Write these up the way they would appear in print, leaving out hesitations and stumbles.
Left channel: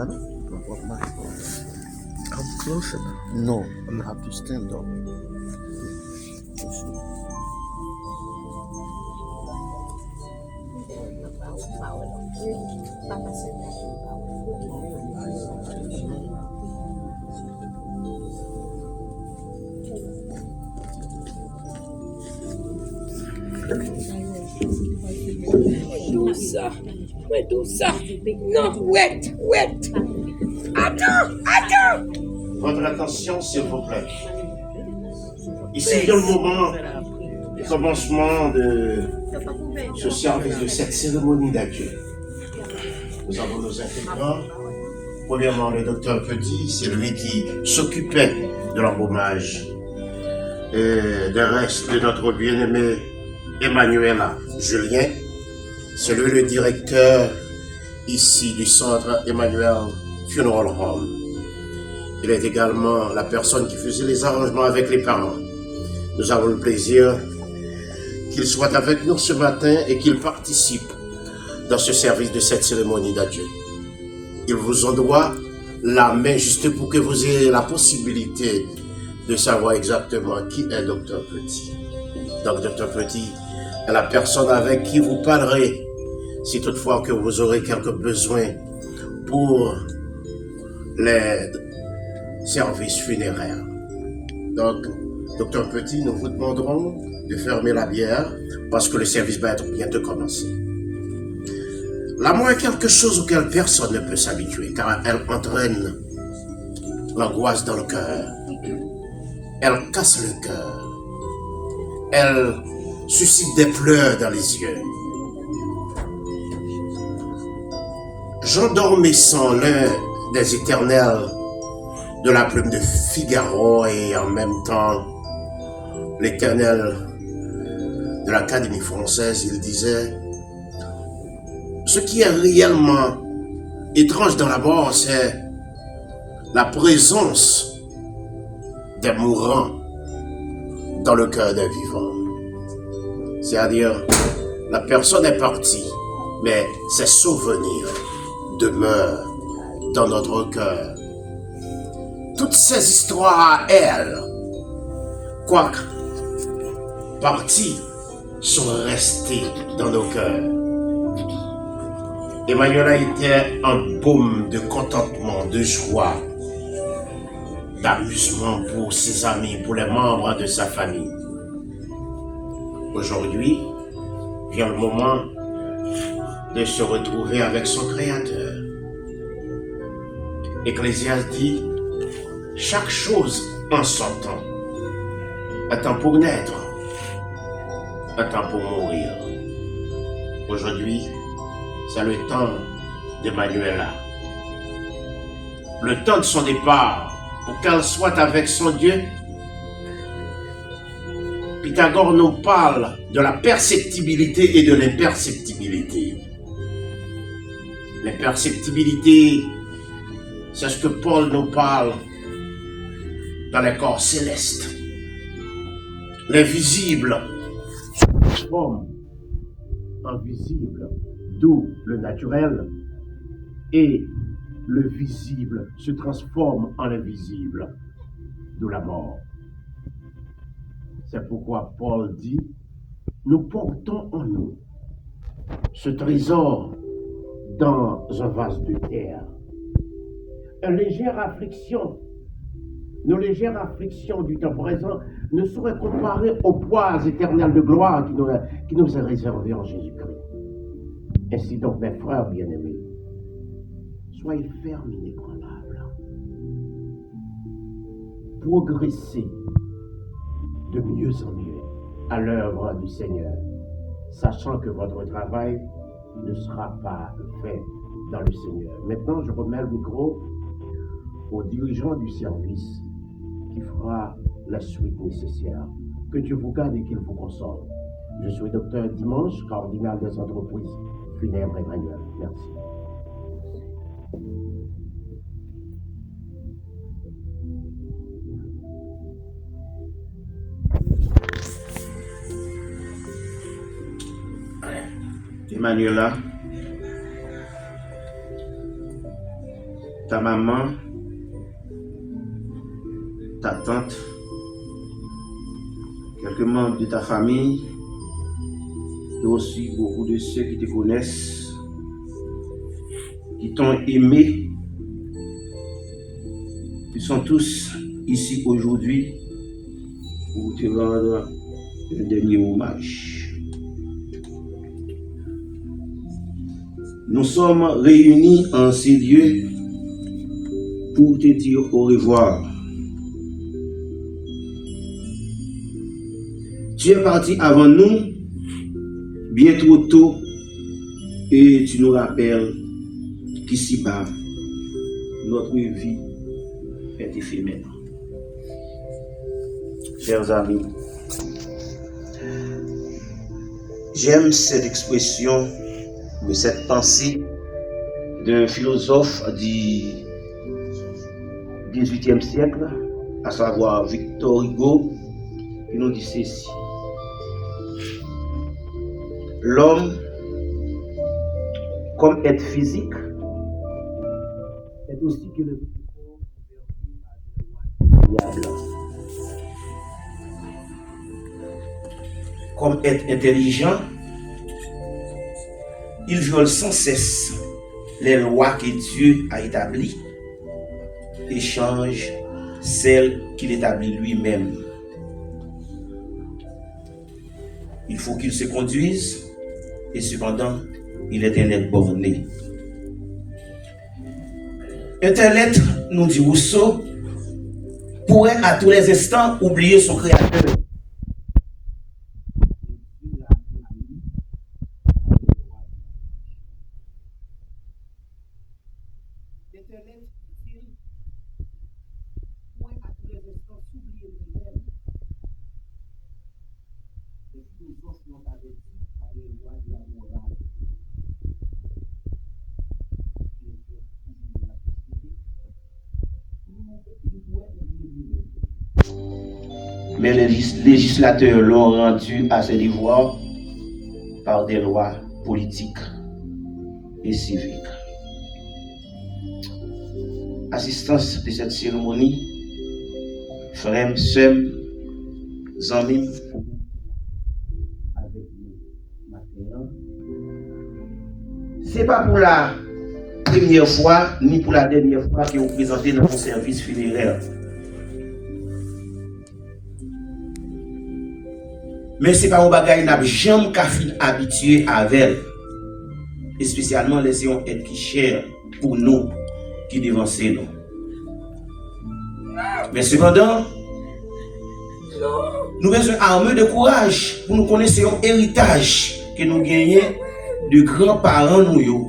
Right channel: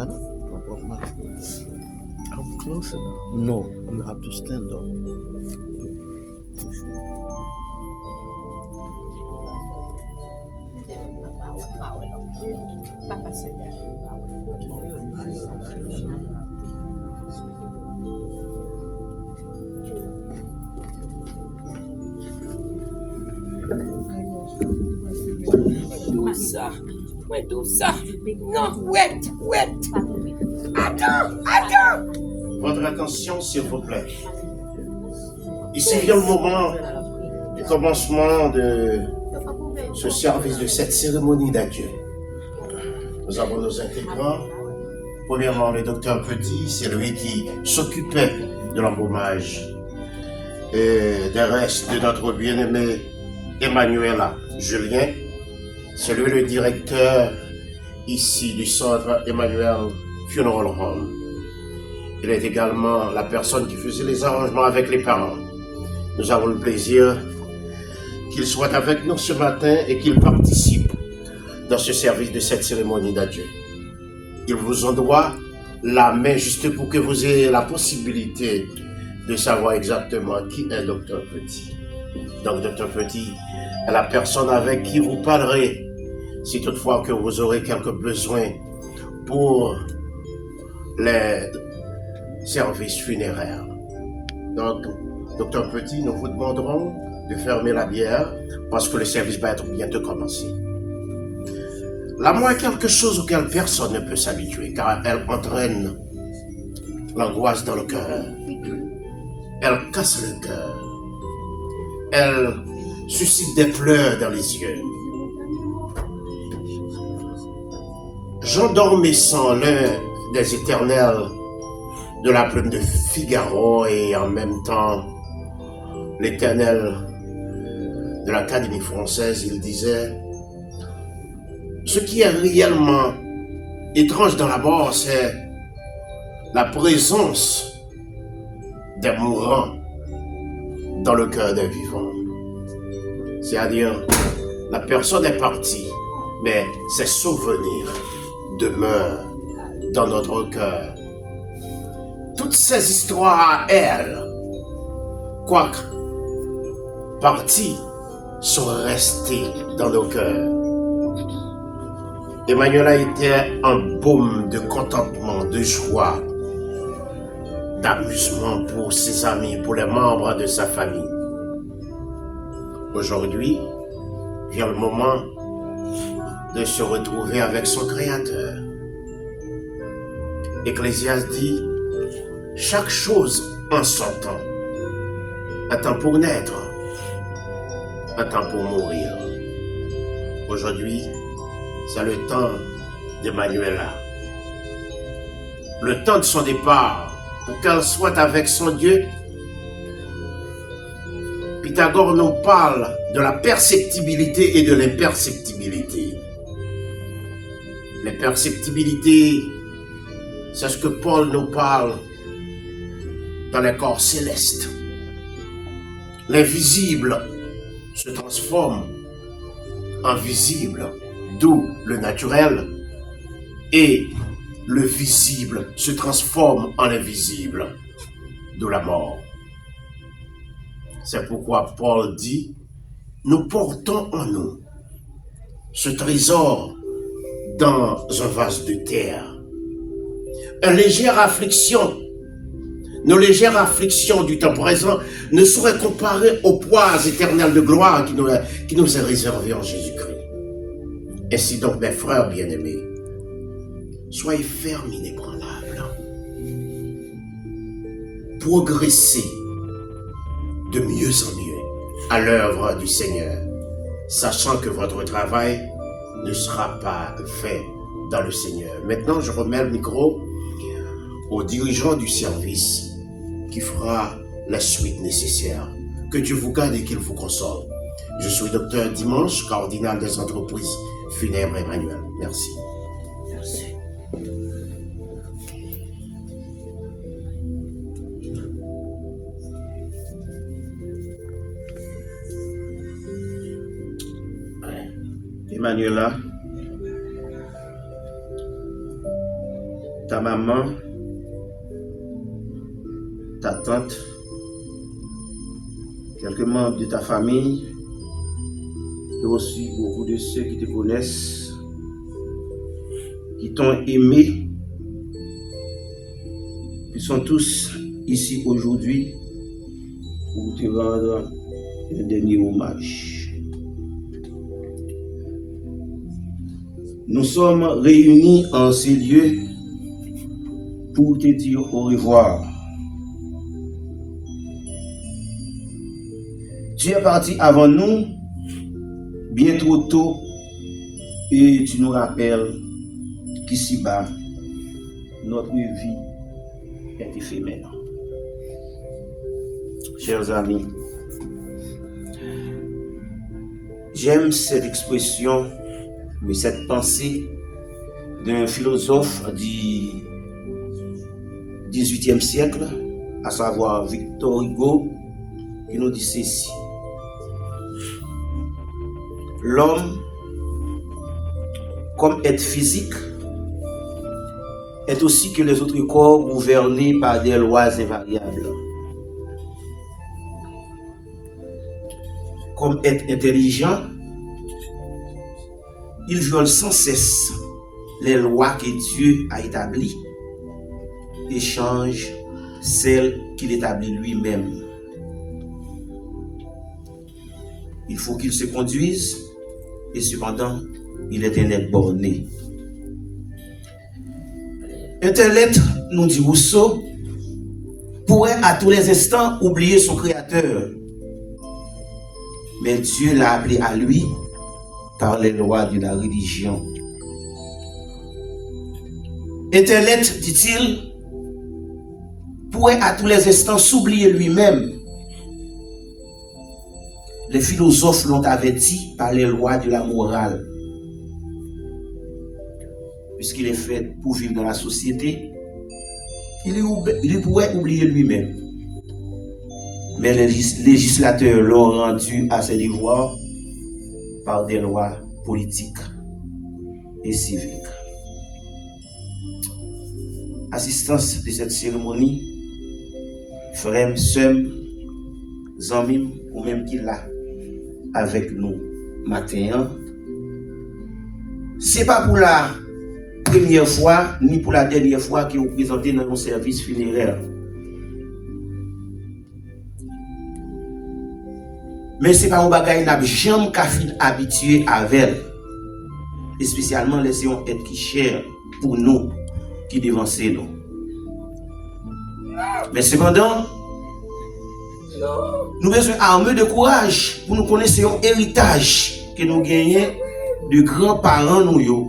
Huh? Don't walk backwards. Come closer now. No, you have to stand up. Ça. Ouais, tout ça. Non, wait. Attends. Votre attention, s'il vous plaît. Ici vient le moment du commencement de ce service, de cette cérémonie d'adieu. Nous avons nos intégrants. Premièrement, le docteur Petit, c'est lui qui s'occupait de l'embaumage et des restes de notre bien-aimé Emmanuela Julien. C'est lui le directeur ici du centre Emmanuel Funeral Home. Il est également la personne qui faisait les arrangements avec les parents. Nous avons le plaisir qu'il soit avec nous ce matin et qu'il participe dans ce service de cette cérémonie d'adieu. Il vous en doit la main juste pour que vous ayez la possibilité de savoir exactement qui est Dr Petit. Donc Dr Petit est la personne avec qui vous parlerez si toutefois que vous aurez quelques besoins pour les services funéraires. Donc, Dr Petit, nous vous demanderons de fermer la bière parce que le service va être bientôt commencé. La mort est quelque chose auquel personne ne peut s'habituer car elle entraîne l'angoisse dans le cœur. Elle casse le cœur. Elle suscite des pleurs dans les yeux. Jean Dormesson, l'un des éternels de la plume de Figaro et en même temps l'éternel de l'Académie française, il disait: ce qui est réellement étrange dans la mort, c'est la présence des mourants dans le cœur des vivants. C'est-à-dire, la personne est partie, mais ses souvenirs demeurent dans notre cœur. Toutes ces histoires à elle, quoique parties, sont restées dans nos cœurs. Emmanuela était un baume de contentement, de joie, d'amusement pour ses amis, pour les membres de sa famille. Aujourd'hui, vient le moment de se retrouver avec son Créateur. Ecclésiaste dit: chaque chose en son temps. Un temps pour naître, un temps pour mourir. Aujourd'hui, c'est le temps d'Emmanuela. Le temps de son départ, pour qu'elle soit avec son Dieu. Pythagore nous parle de la perceptibilité et de l'imperceptibilité. L'imperceptibilité, c'est ce que Paul nous parle dans les corps célestes. L'invisible se transforme en visible, d'où le naturel, et le visible se transforme en invisible, d'où la mort. C'est pourquoi Paul dit: nous portons en nous ce trésor dans un vase de terre. Une légère affliction, nos légères afflictions du temps présent ne sauraient comparer aux poids éternels de gloire qui nous est réservé en Jésus-Christ. Ainsi donc, mes frères bien-aimés, soyez fermes, inébranlables. Progressez de mieux en mieux à l'œuvre du Seigneur, sachant que votre travail ne sera pas fait dans le Seigneur. Maintenant, je remets le micro au dirigeant du service qui fera la suite nécessaire. Que Dieu vous garde et qu'il vous console. Je suis Docteur Dimanche, cardinal des entreprises funèbres Emmanuel. Merci. Merci. Emmanuela, ta maman, ta tante, quelques membres de ta famille, et aussi beaucoup de ceux qui te connaissent, qui t'ont aimé, qui sont tous ici aujourd'hui pour te rendre un dernier hommage. Nous sommes réunis en ces lieux pour te dire au revoir. Tu es parti avant nous, bien trop tôt, et tu nous rappelles qu'ici-bas, notre vie est éphémère. Chers amis, j'aime cette expression, mais cette pensée d'un philosophe du XVIIIe siècle, à savoir Victor Hugo, qui nous dit ceci. L'homme, comme être physique, est aussi que les autres corps gouvernés par des lois invariables. Comme être intelligent, il viole sans cesse les lois que Dieu a établies et change celles qu'il établit lui-même. Il faut qu'il se conduise et cependant, il est un être borné. Un tel être, nous dit Rousseau, pourrait à tous les instants oublier son créateur. Mais Dieu l'a appelé à lui par les lois de la religion. Un tel être, dit-il, pourrait à tous les instants s'oublier lui-même. Les philosophes l'ont averti par les lois de la morale. Puisqu'il est fait pour vivre dans la société, il pourrait oublier lui-même. Mais les législateurs l'ont rendu à ses devoirs par des lois politiques et civiques. Assistance de cette cérémonie, frères, sœurs, amis, ou même qui l'a avec nous matin, c'est pas pour la première fois ni pour la dernière fois que vous présentez dans mon service funéraire. Mais c'est pas un bagage n'a jamais qu'à fin habitué avec, et spécialement les êtres qui chers pour nous, qui dévancent nous. Mais cependant, nous avons besoin d'armer de courage pour nous connaître un héritage que nous gagnons de grands-parents nous.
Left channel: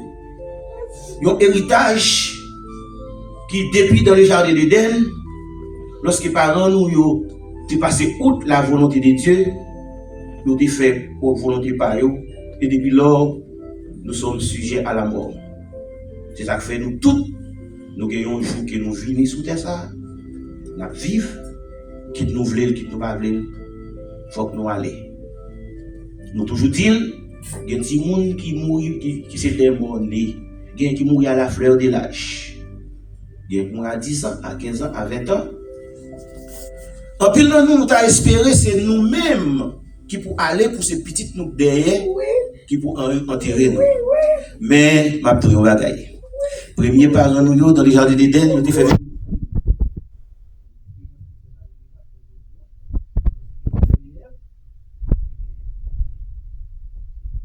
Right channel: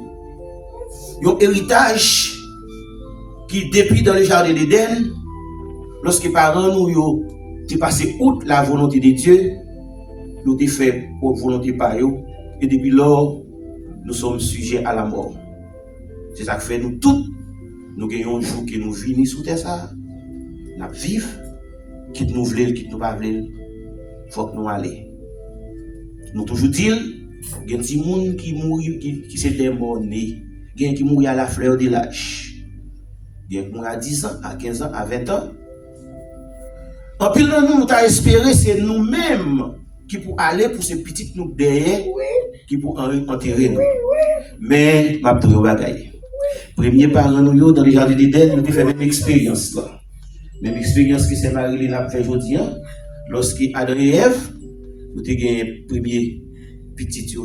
Un héritage qui, depuis dans le jardin d'Éden, lorsque les parents nous ont passé outre la volonté de Dieu, nous avons fait pour volonté par eux, et depuis lors, nous sommes sujets à la mort. C'est ça que fait nous tous. Nous gagnons un jour que nous venons sous terre, ça. Nous vivons, quitte nous voulons, quitte nous pas voulons, il faut que nous allions. Nous toujours disons, il y a des gens qui mourent, qui se démonnent. Il y a qui mourent à la fleur de l'âge. Il y a qui mourent à 10 ans, à 15 ans, à 20 ans. En pile, nous avons espéré, c'est nous-mêmes qui pour aller pour ces petites nous derrière, qui pour enterrer nous. Mais, ma bagaille. Premier parent nous dans les jardins d'Éden, nous avons fait une expérience là. Même expérience que c'est Marie-Lynn a fait aujourd'hui, lorsque Adam et Ève, nous avons gagné le premier petit qui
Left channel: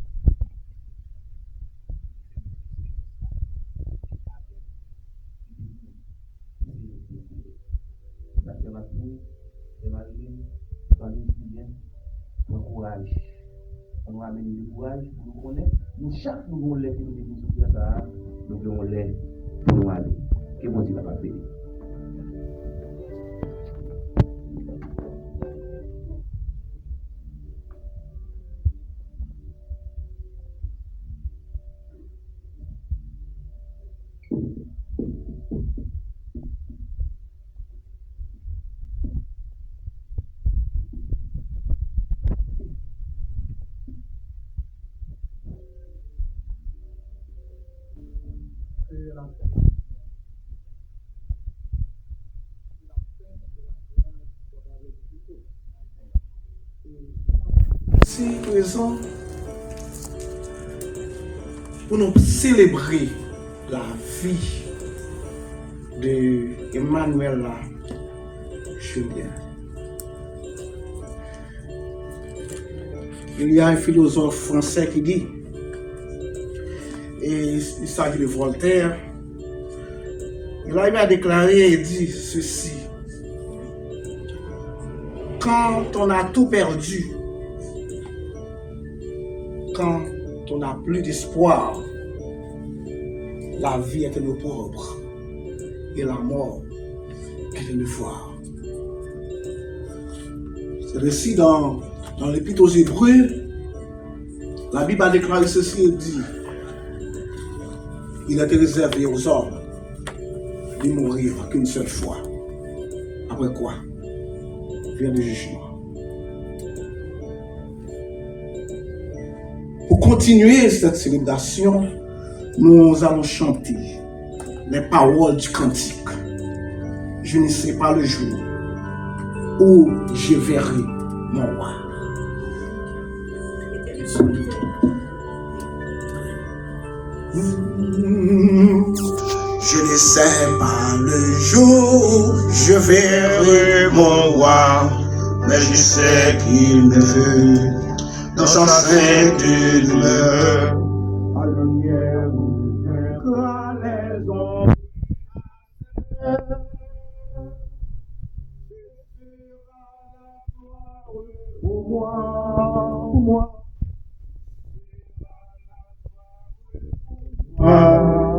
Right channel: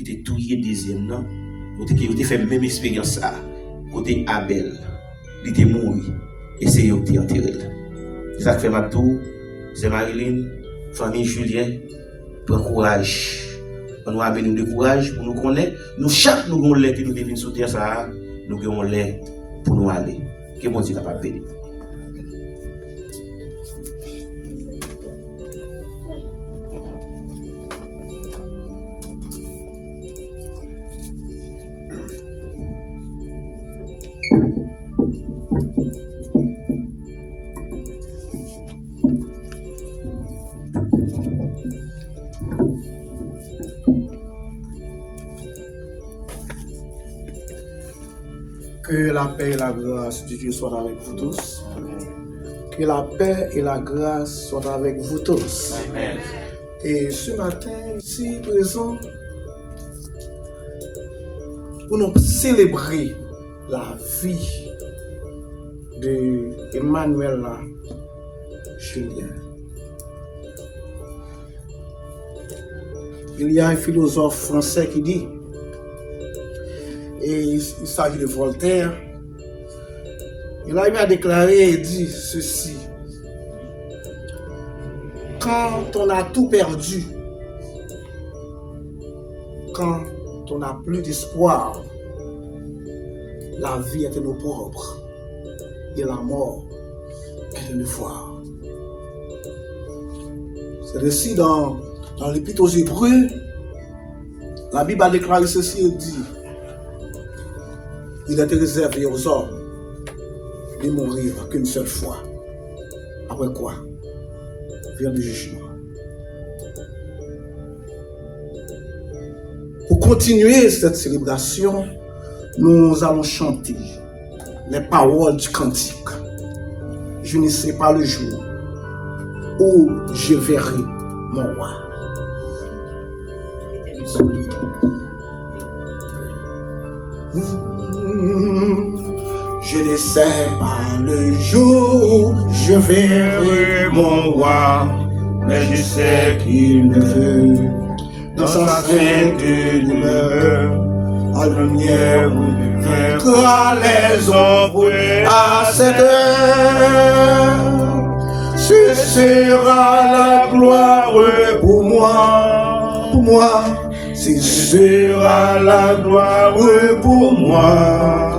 était touillé deuxième, non? Nous avons fait la même expérience là. Côté Abel, il était mort et c'est eux qui ont enterré. C'est ça que fait ma tour, c'est Marie-Lynn, famille Julien, prends courage. On nous amène de courage pour nous connaître. Nous, chaque nous avons l'air que nous devons sauter ça, nous avons l'air pour nous aller. Que bon Dieu capable de bénir. Que la paix et la grâce de Dieu soient avec vous tous. Que la paix et la grâce soient avec vous tous. Amen. Et ce matin, ici présent, nous allons célébrer la vie de Emmanuela Julien. Il y a un philosophe français qui dit, et il s'agit de Voltaire, il a déclaré et dit ceci: quand on a tout perdu, quand on n'a plus d'espoir, la vie est un opprobre et la mort est une devoir. C'est ainsi dans l'Épître aux Hébreux, la Bible a déclaré ceci et dit: il est réservé aux hommes de mourir qu'une seule fois. Après quoi vient le jugement. Pour continuer cette célébration, nous allons chanter les paroles du cantique. Je ne sais pas le jour où je verrai mon roi. Je ne sais pas le jour où je verrai mon roi, mais je sais qu'il me veut dans sa sainte demeure. À la lumière où vaincra les ombres à cette heure. Ce sera la gloire pour moi, ce sera la gloire pour moi.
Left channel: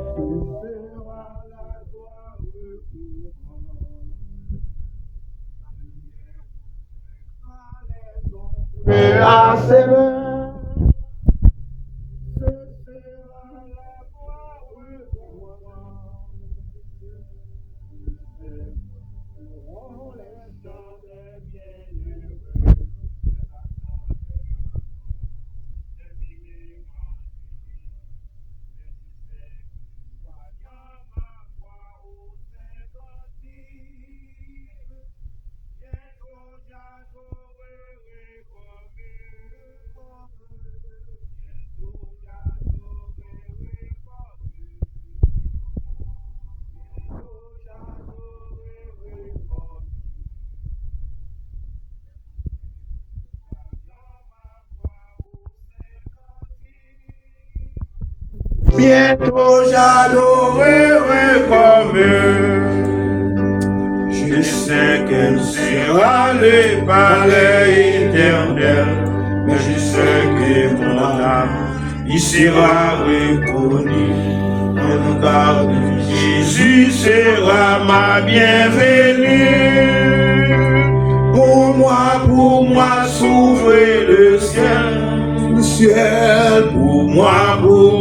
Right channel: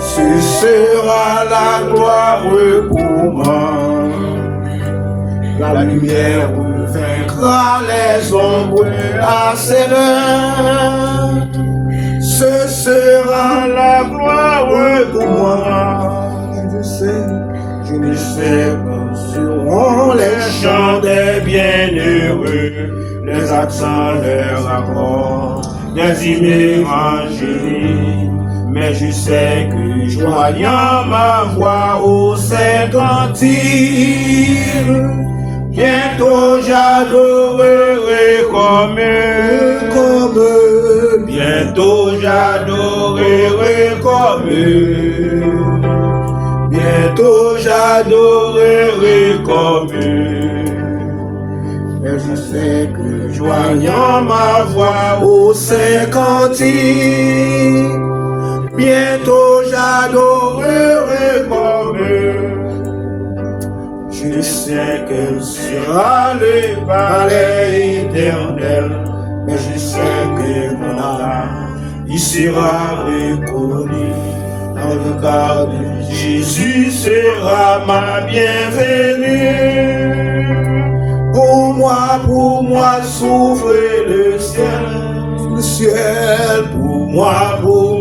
Ce sera la gloire pour moi. La lumière vaincra les ombres à cette heure. Ce sera la gloire pour moi. Je ne sais pas seront les chants des bienheureux, les accents, les accords, des hymnes angéliques. Mais je sais que joignant ma voix au Saint-Cantique, bientôt j'adorerai comme eux. Bientôt j'adorerai comme eux. Bientôt j'adorerai comme eux. Mais je sais que joignant ma voix au Saint-Cantique, bientôt j'adorerai comme eux. Je sais qu'elle sera le palais éternel, mais je sais que mon âme y sera reconnu. En regard de Jésus sera ma bienvenue. Pour moi s'ouvre le ciel. Pour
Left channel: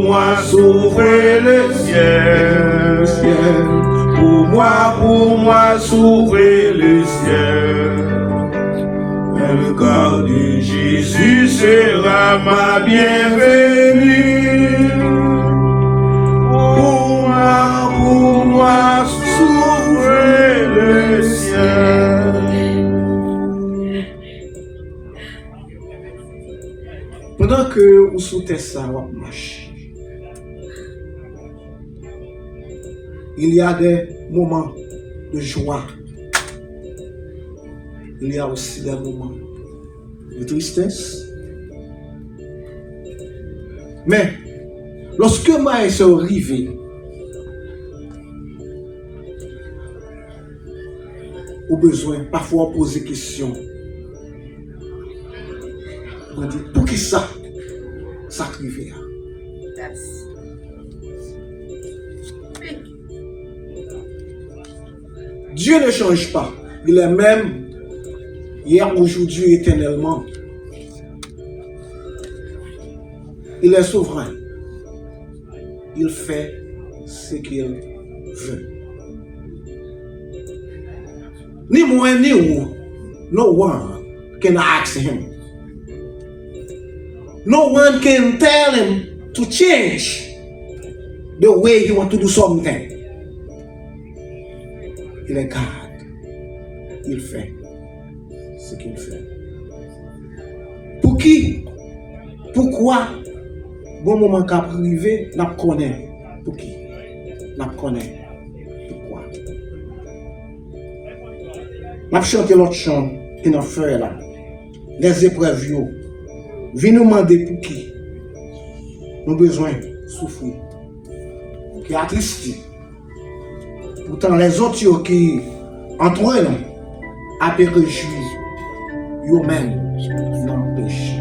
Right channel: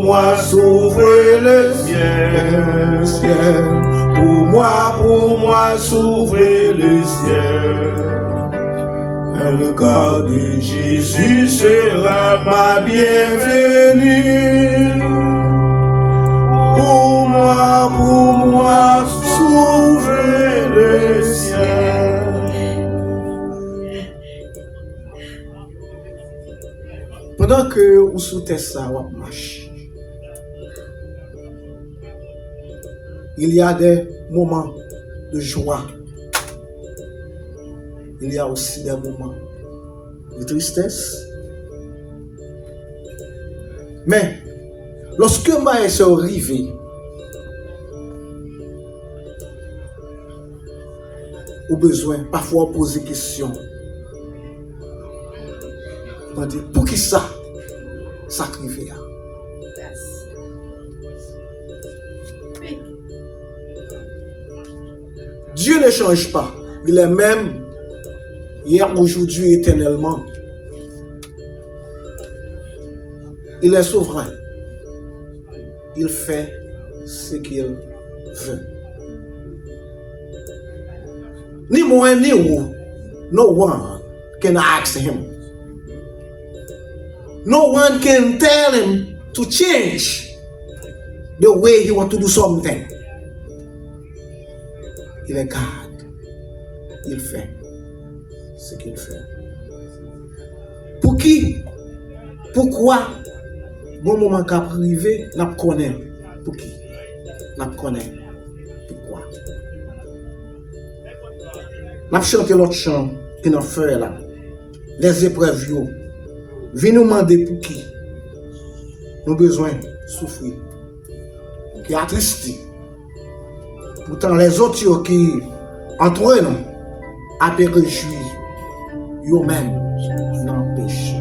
moi s'ouvre le ciel. Pour moi s'ouvre le ciel. Le regard de Jésus sera ma bienvenue. Pour moi s'ouvre le ciel. Pendant que vous sautez ça, vous marchez, il y a des moments de joie. Il y a aussi des moments de tristesse. Mais lorsque ma soeur arrive, au besoin, parfois poser des questions. On dit, pour qui ça arrive? Dieu ne change pas. Il est même hier, aujourd'hui, éternellement. Il est souverain. Il fait ce qu'il veut. Ni moi ni vous, no one can ask him. No one can tell him to change. the way you want to do something. Il est garde. Il fait ce qu'il fait. Pour qui? Pourquoi? Bon moment qu'a privé, n'a pas connaît. Pour qui? N'a pas connaît. Pourquoi? N'a chanté l'autre chant qui n'a fait là. Les épreuves yo. Viens nous demander pour qui? Nous besoin souffrir. Qui attristé. Pourtant les autres yo qui entre nous a péri yo même dans le péché.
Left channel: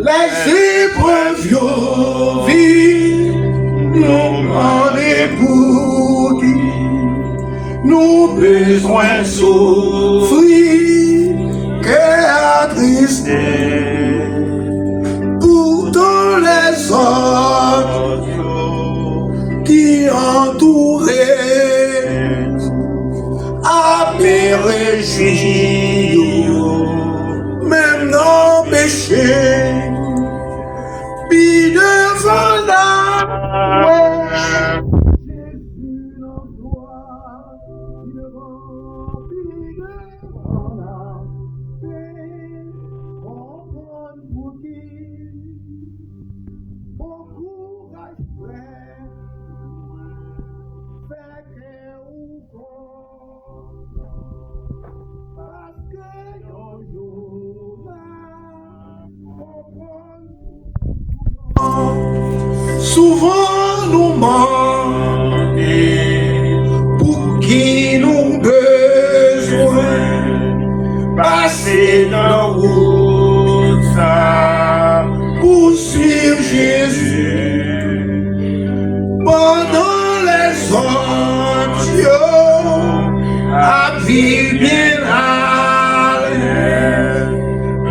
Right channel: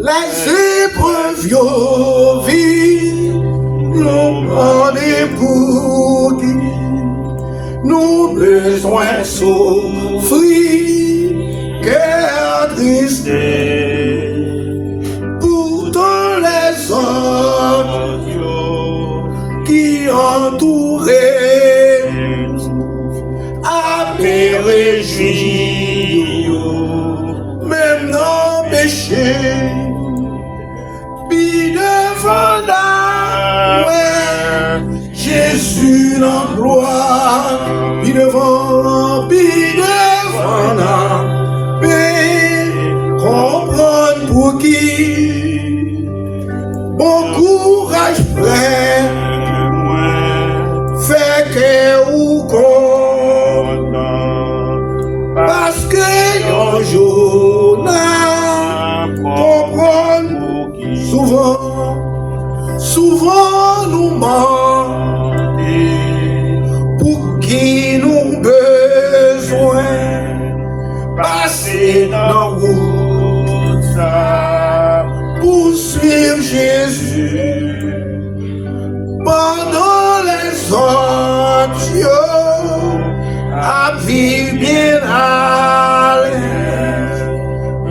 Les épreuves yo vie nous demandent pour qui nous besoin souffrir cœur triste pourtant les autres qui entouraient à périr même non péché. Jésus en gloire, puis devant la paix, comprendre pour qui, bon courage frère, fait que ou content, parce que un jour comprendre souvent nous manque. Pour qui nous besoin passer dans la route pour suivre Jésus pendant les autres à vivre bien à l'aise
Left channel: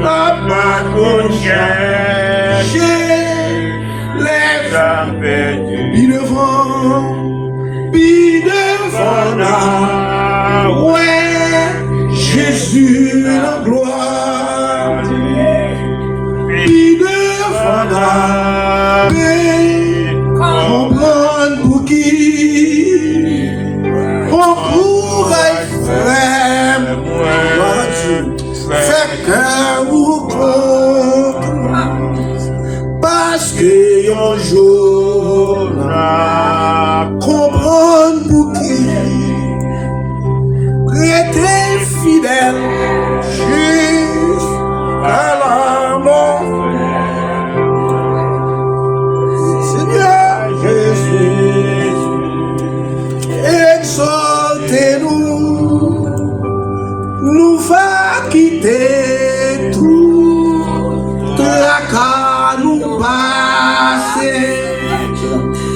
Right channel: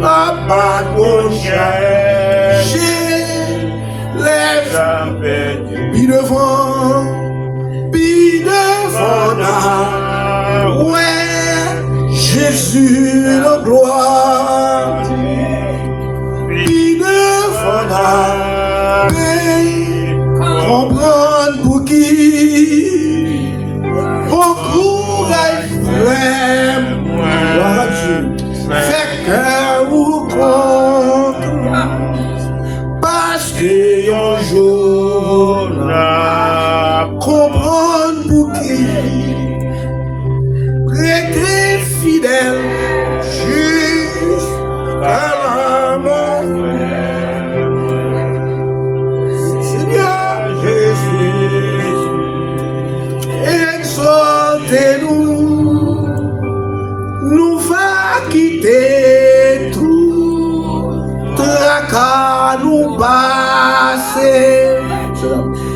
la pas qu'on cherche les gens perdus devant ouais, Jésus la gloire, il devant la paix, comprendre pour qui, encourage frère, gloire à Dieu, fait que vous compte, parce que un jour là, comprendre pour qui. Restez fidèle jusqu'à la mort. Seigneur Jésus, exaltez-nous, nous va quitter tout, tracas nous passer,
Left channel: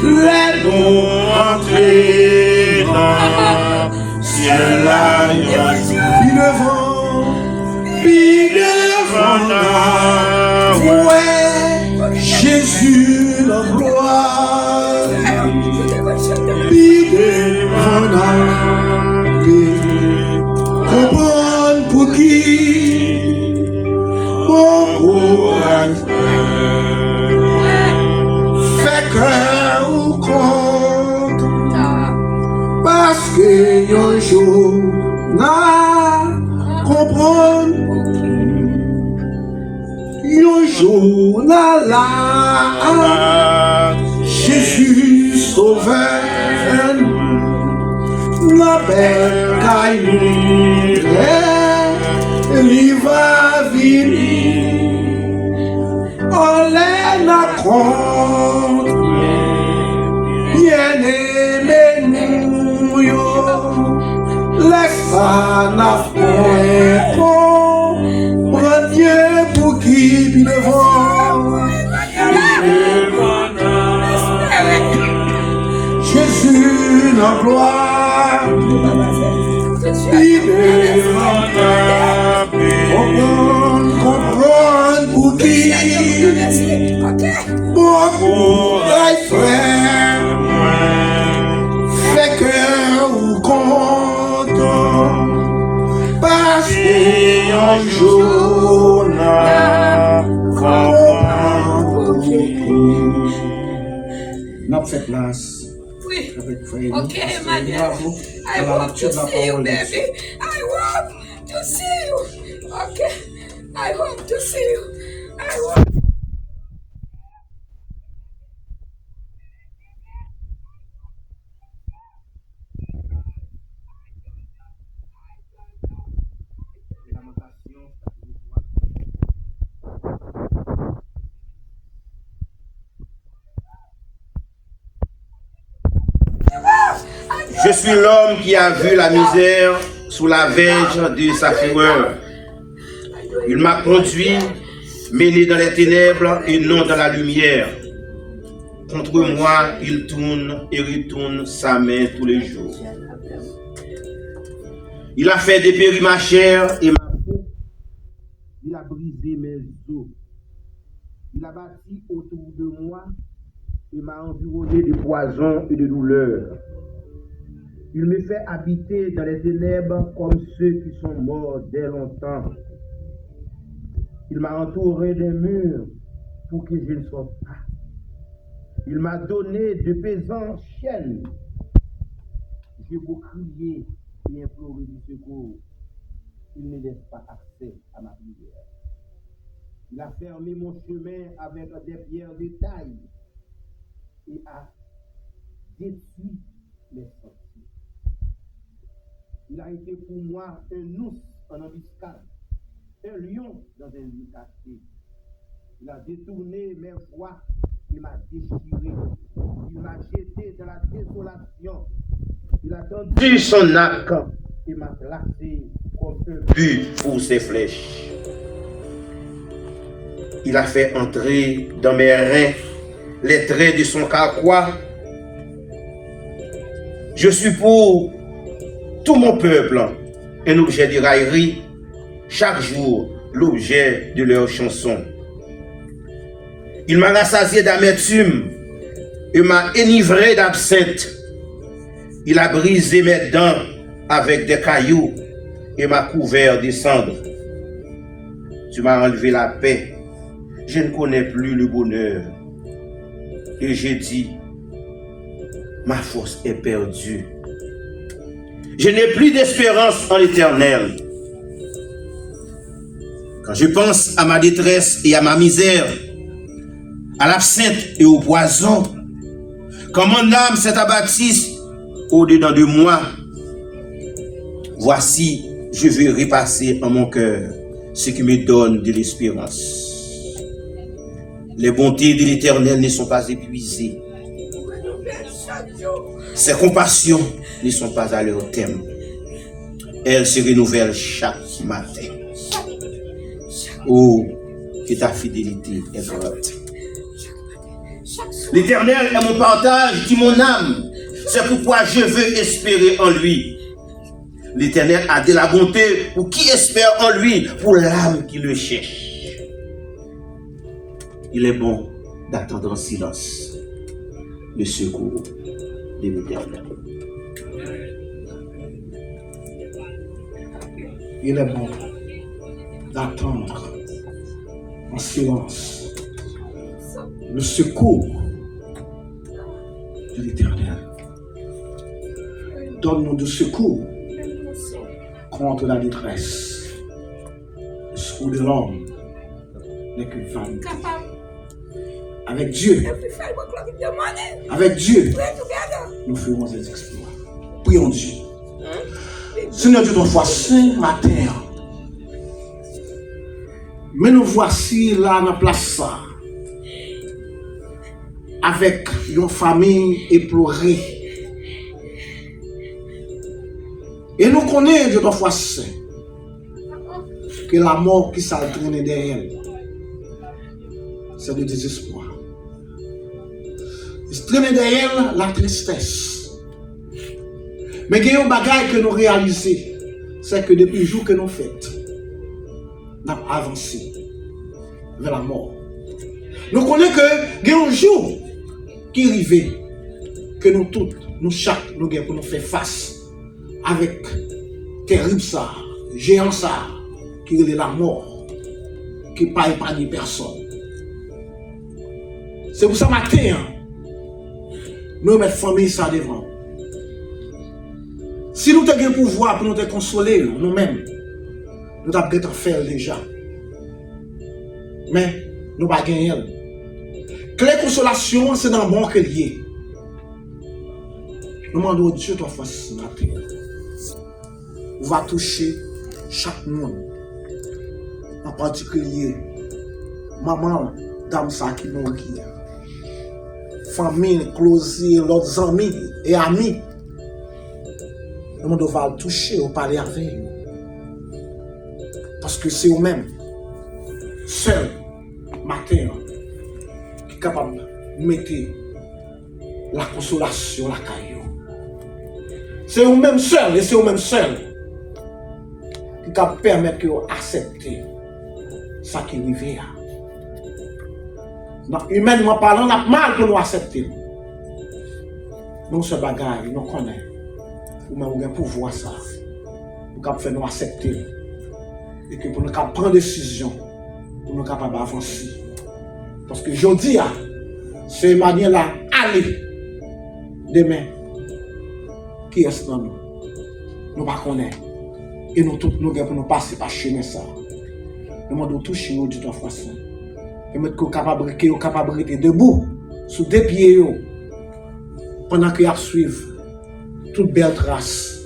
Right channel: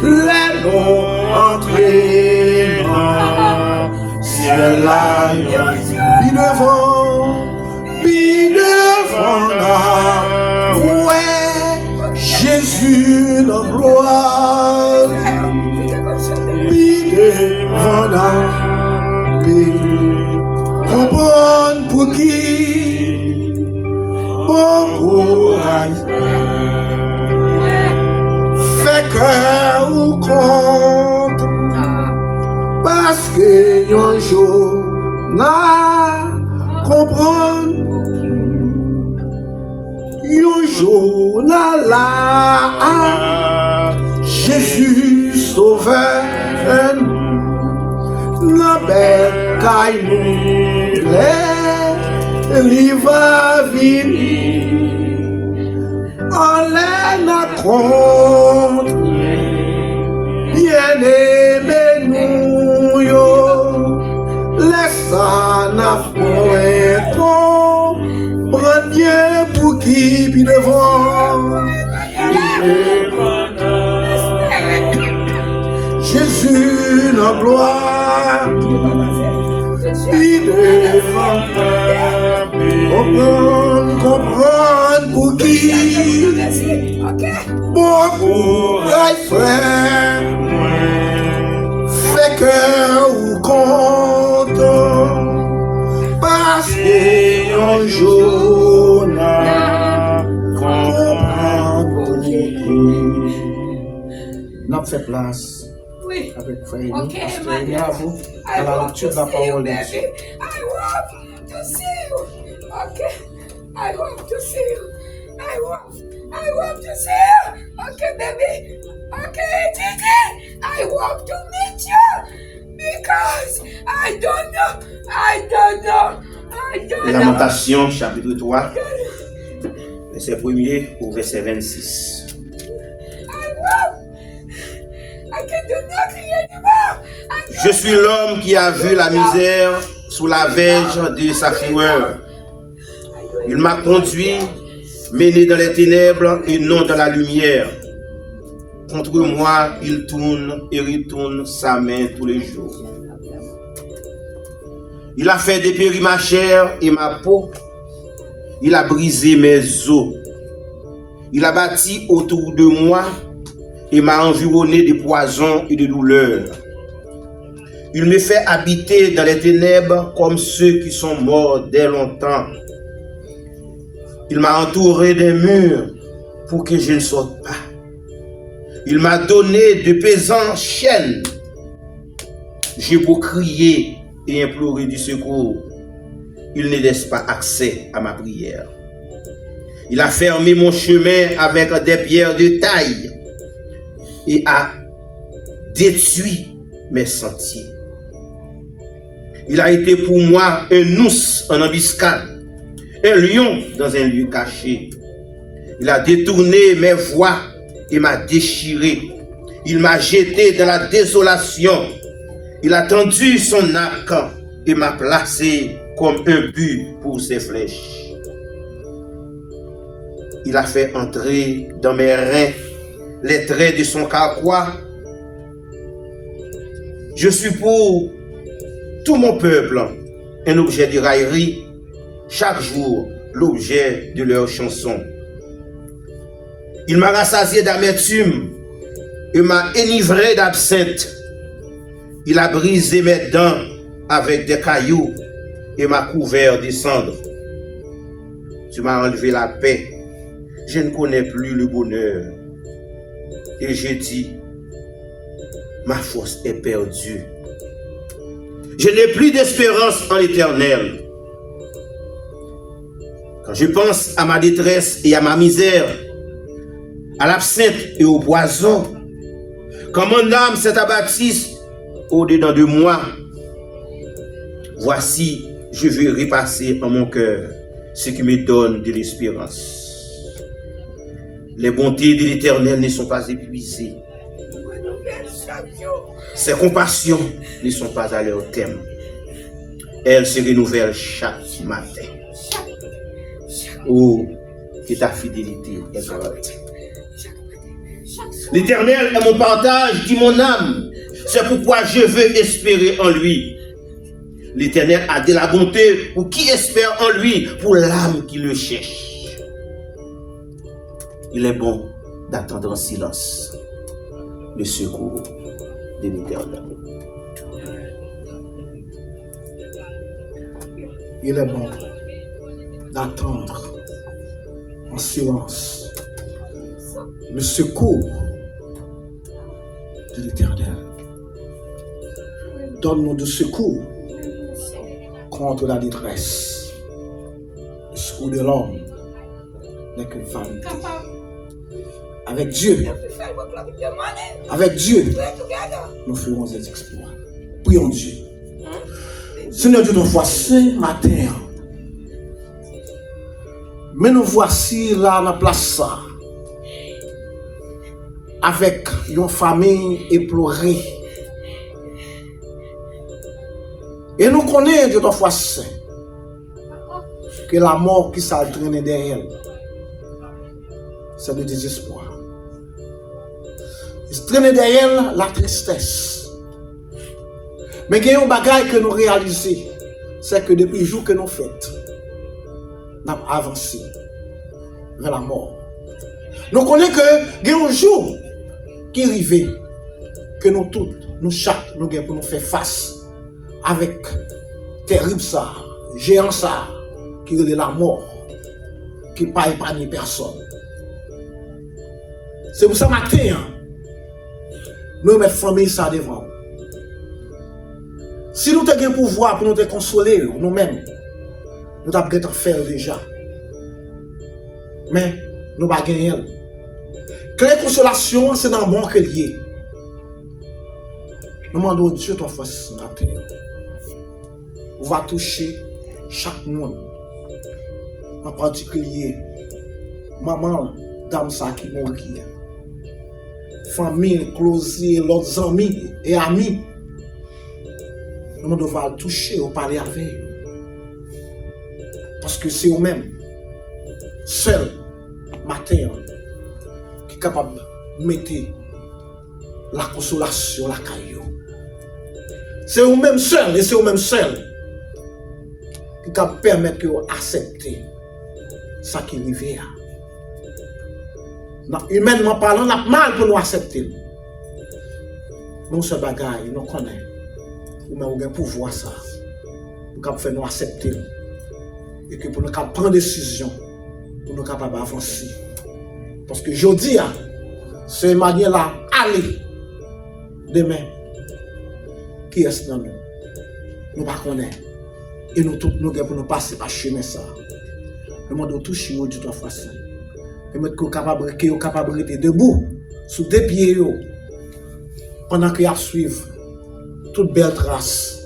les noms entrer dans ciel là, puis devant là, ouais, Jésus la gloire, puis devant là, comprendre pour qui, bon courage, fait que ou compte, parce que un jour n'a comprendre, un jour n'a là, Jésus sauveur, la belle caillou, il va venir, on la compte, bien aimé nous yo, laisse ça n'a point prendre Dieu pour qui puis devant. Jésus la gloire, il est comprendre pour qui. Beaucoup de frères fait que ou content parce qu'un jour n'a comprendre pour qui. N'a fait place. Oui. Avec frère. Okay, my dear. I hope to see you, baby. I hope to see you. Okay. I hope to see you. I hope to see you. Okay, baby. Okay, Gigi. I hope to meet you because I don't know. Lamentation, chapitre 3, verset 1er au verset 26. Je suis l'homme qui a vu la misère sous la verge de sa fureur. Il m'a conduit, mené dans les ténèbres et non dans la lumière. Contre moi, il tourne et retourne sa main tous les jours. Il a fait dépérir ma chair et ma peau. Il a brisé mes os. Il a bâti autour de moi et m'a environné de poisons et de douleurs. Il me fait habiter dans les ténèbres comme ceux qui sont morts dès longtemps. Il m'a entouré d'un mur pour que je ne sorte pas. Il m'a donné de pesantes chaînes. J'ai beau crier et implorer du secours, il ne laisse pas accès à ma prière. Il a fermé mon chemin avec des pierres de taille et a détruit mes sentiers. Il a été pour moi un ours en embuscade, un lion dans un lieu caché. Il a détourné mes voies et m'a déchiré. Il m'a jeté dans la désolation. Il a tendu son arc et m'a placé comme un but pour ses flèches. Il a fait entrer dans mes reins les traits de son carquois. Je suis pour tout mon peuple un objet de raillerie, chaque jour l'objet de leur chanson. Il m'a rassasié d'amertume et m'a enivré d'absinthe. Il a brisé mes dents avec des cailloux et m'a couvert de cendres. Tu m'as enlevé la paix. Je ne connais plus le bonheur. Et j'ai dit, ma force est perdue. Je n'ai plus d'espérance en l'Éternel. Quand je pense à ma détresse et à ma misère, à l'absinthe et au poison, quand mon âme s'est abattue au-dedans de moi, voici, je vais repasser en mon cœur ce qui me donne de l'espérance. Les bontés de l'Éternel ne sont pas épuisées. Ses compassions ne sont pas à leur terme. Elles se renouvellent chaque matin. Oh, que ta fidélité est grande. L'Éternel est mon partage, dit mon âme. C'est pourquoi je veux espérer en lui. L'Éternel a de la bonté pour qui espère en lui, pour l'âme qui le cherche. Il est bon d'attendre en silence le secours de l'Éternel. Il est bon d'attendre en silence le secours de l'Éternel. Donne-nous du secours contre la détresse. Le secours de l'homme n'est qu'une vanité. Avec Dieu, nous ferons des exploits. Prions Dieu. Seigneur Dieu, nous voici matin. Mais nous voici là dans la place avec une famille éplorée. Et nous connaissons Dieu ton foi saint que la mort qui s'entraîne derrière, c'est le désespoir. Il se traîne derrière la tristesse. Mais il y a un bagage que nous réalisons, c'est que depuis le jour que nous faisons, nous avons avancé vers la mort. Nous connaissons que il y a un jour qui arrive que nous tous, nous chaque, nous devons nous faire face avec terrible ça, géant ça, qui est la mort, qui n'est pas épargné personne. C'est pour ça matin, nous mettons famille ça devant. Si nous avons le pouvoir pour nous te consoler, nous-mêmes, nous avons fait déjà. Mais nous n'avons pas gagné. Clé consolation, c'est dans le bon que lié. Nous demandons à Dieu ton face ce matin. On va toucher chaque monde. En particulier, maman, dame ça qui nous guide. Famille, closier, leurs amis et amis. Nous devons toucher, on parler avec eux. Parce que c'est eux-mêmes, seuls, matin, qui sont capables de mettre la consolation la caillou. C'est eux-mêmes seuls, et c'est eux-mêmes seuls qui sont permettre que vous acceptez ce qui arrive. Humainement parlant, on a mal pour nous accepter. Nous, ce bagage, nous connaissons. Ou même nous avons pouvoir ça. Pour nous faire nous accepter. Et que pour nous prendre des décisions, pour nous capables d'avancer. Parce que je dis, c'est manière là, aller demain. Qui est dans nous? Nous ne connaissons pas. Et nous tous, nous devons passer par chemin ça. Nous devons toucher au Dieu de façon. Et mettre qu'on est capable de rester debout, sous deux pieds, pendant qu'il y a suivre toute belle trace,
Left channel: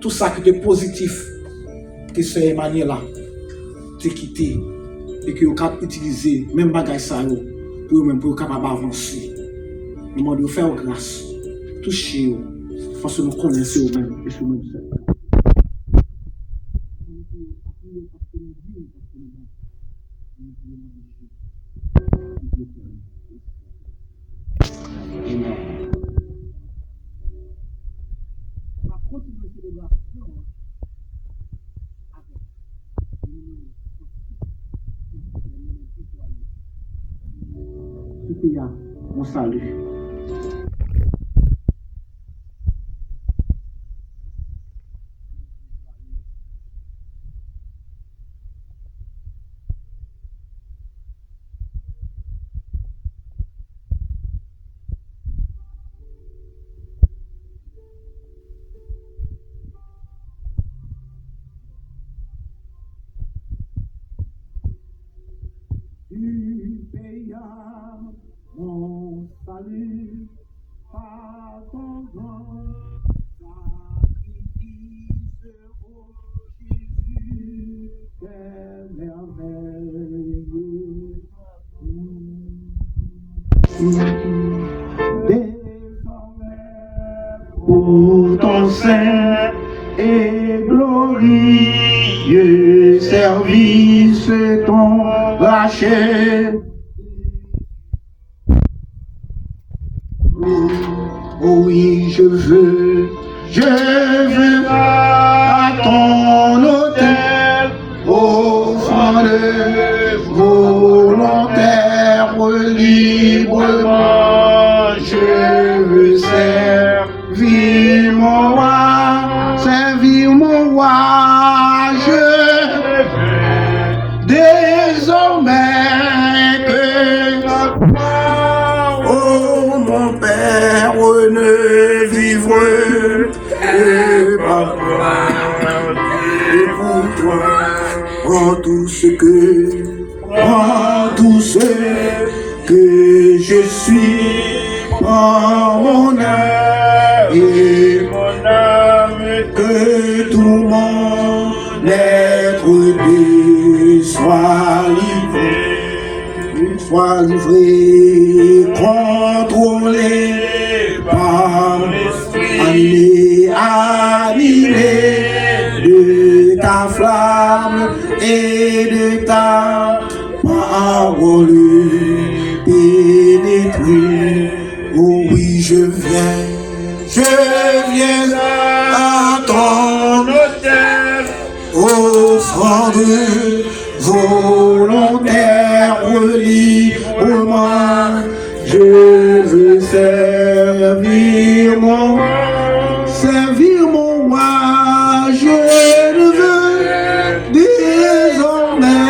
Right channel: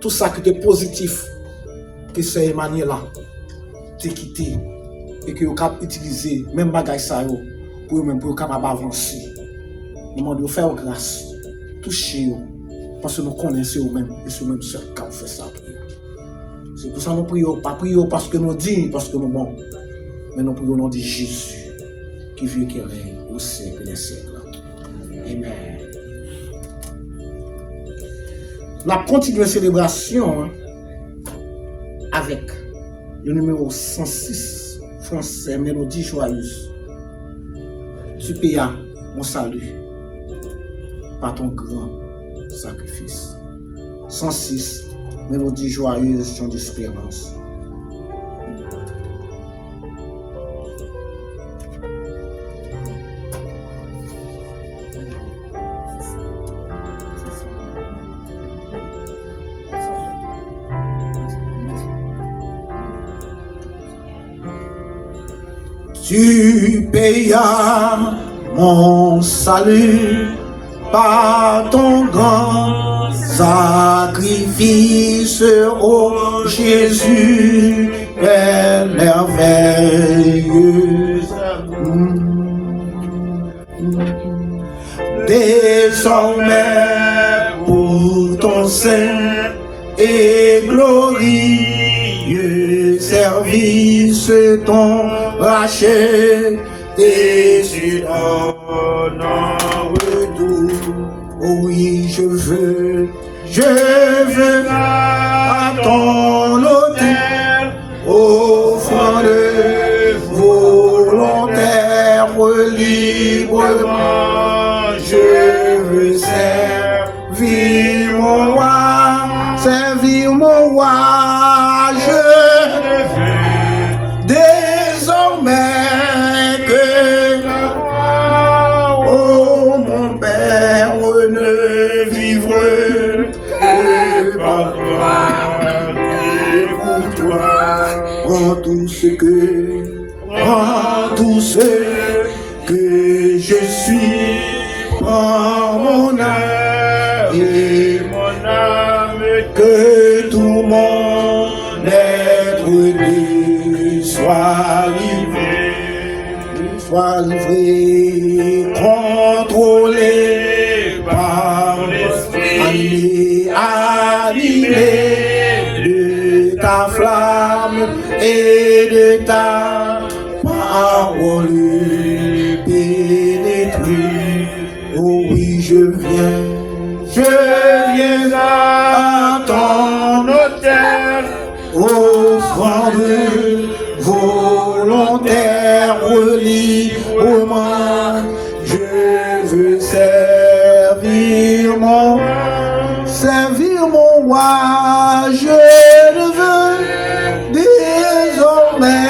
tout ça qui est positif, qui s'est émané là, t'es quitté, et que vous pouvez utiliser même bagage ça pour vous-même pour capable d'avancer. Nous demandons de faire grâce, toucher parce que nous connaissons vous-même et c'est vous-même seul qui vous fait ça. C'est pour ça que nous prions, pas prions parce que nous disons, parce que nous bons, mais nous prions au nom de Jésus qui vit et qui règne au siècle des siècles. Amen. La continue la célébration avec le numéro 106 français, Mélodie joyeuse. Tu payes mon salut par ton grand sacrifice. 106, Mélodie joyeuse, chant d'espérance. Tu payas mon salut par ton grand sacrifice, ô Jésus, Père merveilleux. Désormais, pour ton saint et glorieux service, ton rachet et sur ton retour. Oui, je veux à ton autel, offrande volontaire, librement. Je veux servir mon roi, je veux désormais que oh mon Père ne vivre que par toi et pour toi. Prends tout ce que je suis, prends mon âme et mon âme, que tout mon être de soit livré, contrôlé par l'esprit, animé de ta flamme et de ta parole pénétrée. Oh oui, je viens à ton autel, offrande volontaire, librement. Je veux servir mon roi. Je ne veux désormais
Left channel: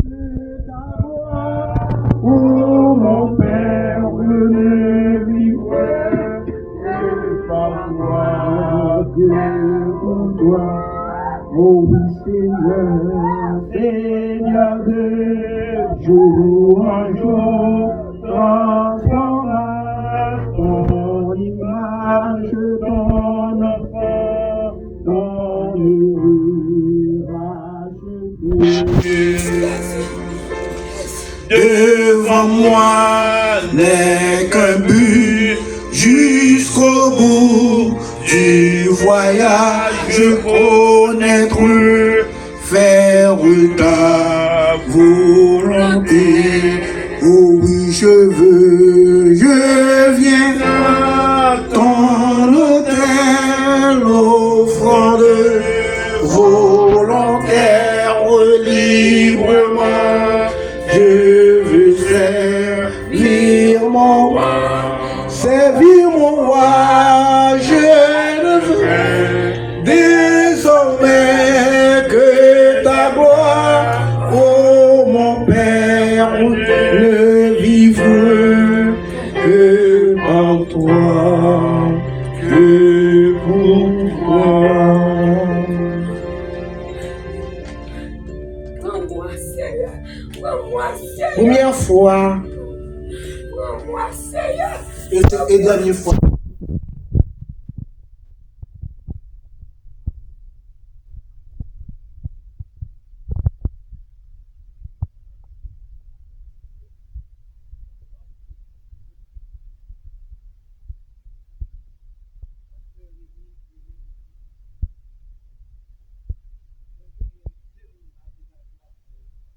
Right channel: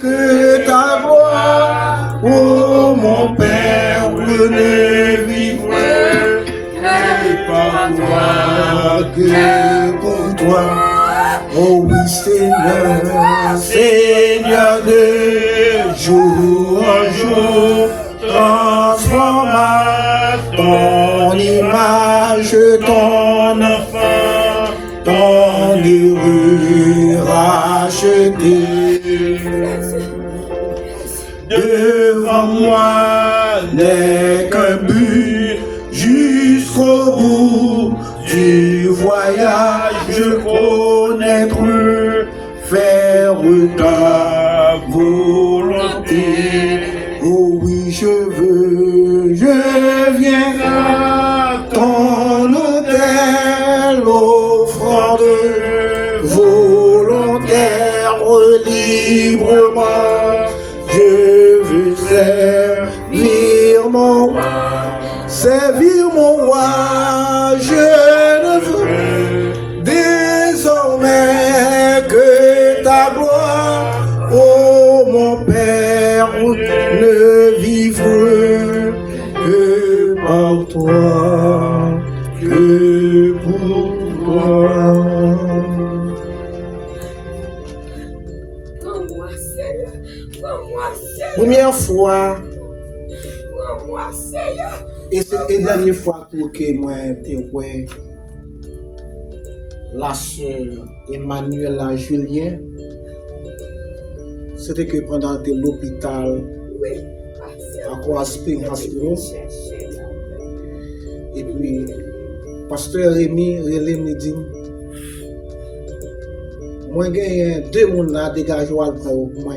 que ta gloire. Oh mon Père, je ne vivrai que par toi, que pour toi. Oh oui Seigneur, Seigneur de jour en jour, transforme à ton image, ton enfant, ton heureux racheté. Devant moi n'est qu'un but jusqu'au bout du voyage, connaître, faire ta volonté. Oh oui, je viens à ton autel, offrande volontaire, librement. Je veux servir mon roi, servir mon roi. Je ne veux désormais que ta gloire. Oh mon Père, ne vivre que par toi, que pour toi. Prends-moi, Seigneur. Prends-moi, Seigneur. Première fois Prends-moi, Seigneur. et dernière fois pour que moi ouais, la sœur Emmanuela Julien, c'était que pendant que l'hôpital Oui. à Coral Spring Hospital, et puis pasteur Rémi me dit moi j'ai deux personnes là dégagé pour moi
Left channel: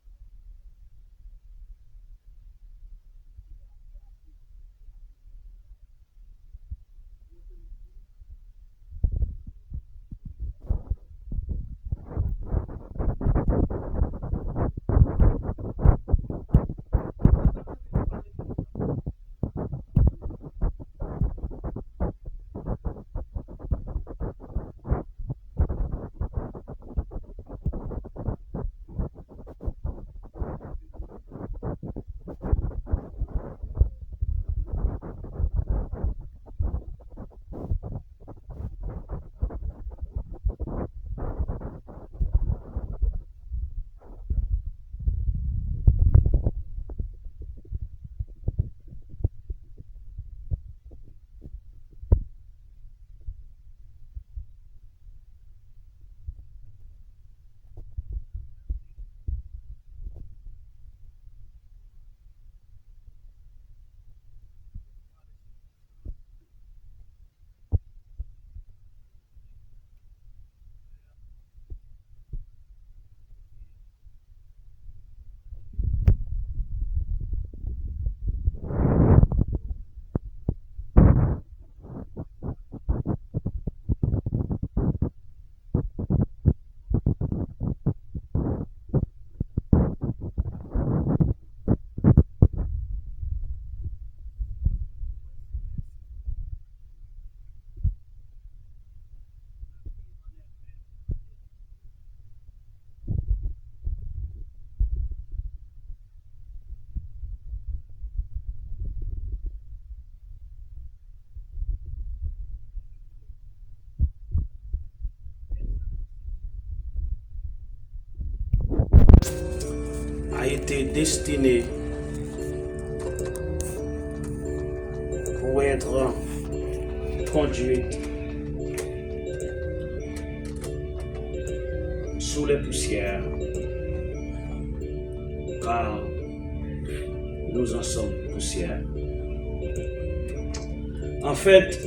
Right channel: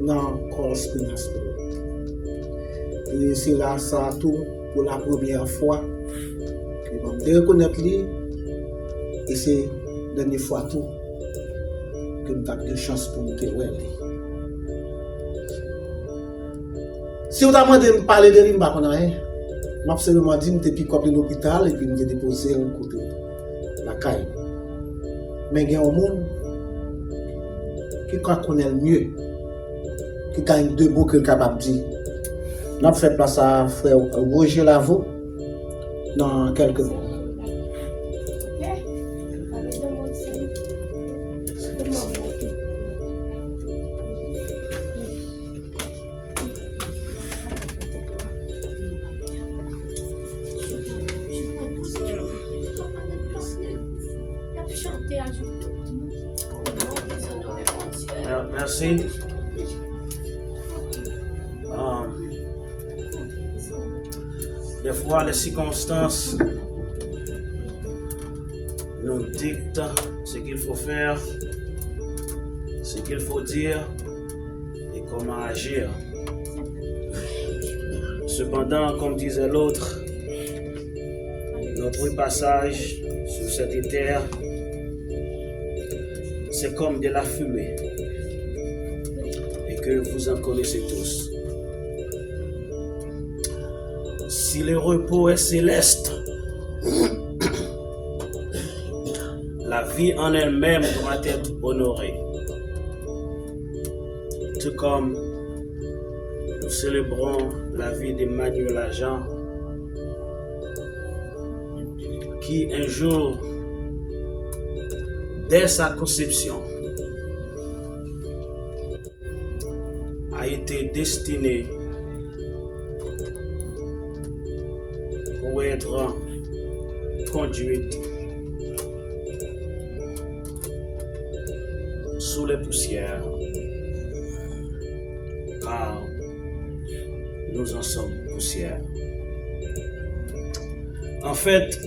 dans Coral Spring Hospital. Et c'est là ça tout pour la première fois que je reconnaître lui, et c'est la dernière fois tout que je ai de chance pour me découvrir. Si vous avez demandé de me parler de lui, je ne sais pas rien. Je m'ai seulement dit que je suis de l'hôpital et puis je me déposé au côté de la caille. Mais il y a un monde qui connaît le mieux, qui gagne deux mots que le capable de dire. Nous avons fait place à frère Roger Lavaux dans quelques mots. Merci. Des fois, les circonstances nous dictent ce qu'il faut faire, ce qu'il faut dire et comment agir. Cependant, comme disait l'autre, notre passage sur cette terre, c'est comme de la fumée et que vous en connaissez tous. Si le repos est céleste, la vie en elle-même doit être honorée. Tout comme nous célébrons la vie d'Emmanuel Agent, qui un jour, dès sa conception, a été destiné pour être conduite sous les poussières, car nous en sommes poussière. En fait,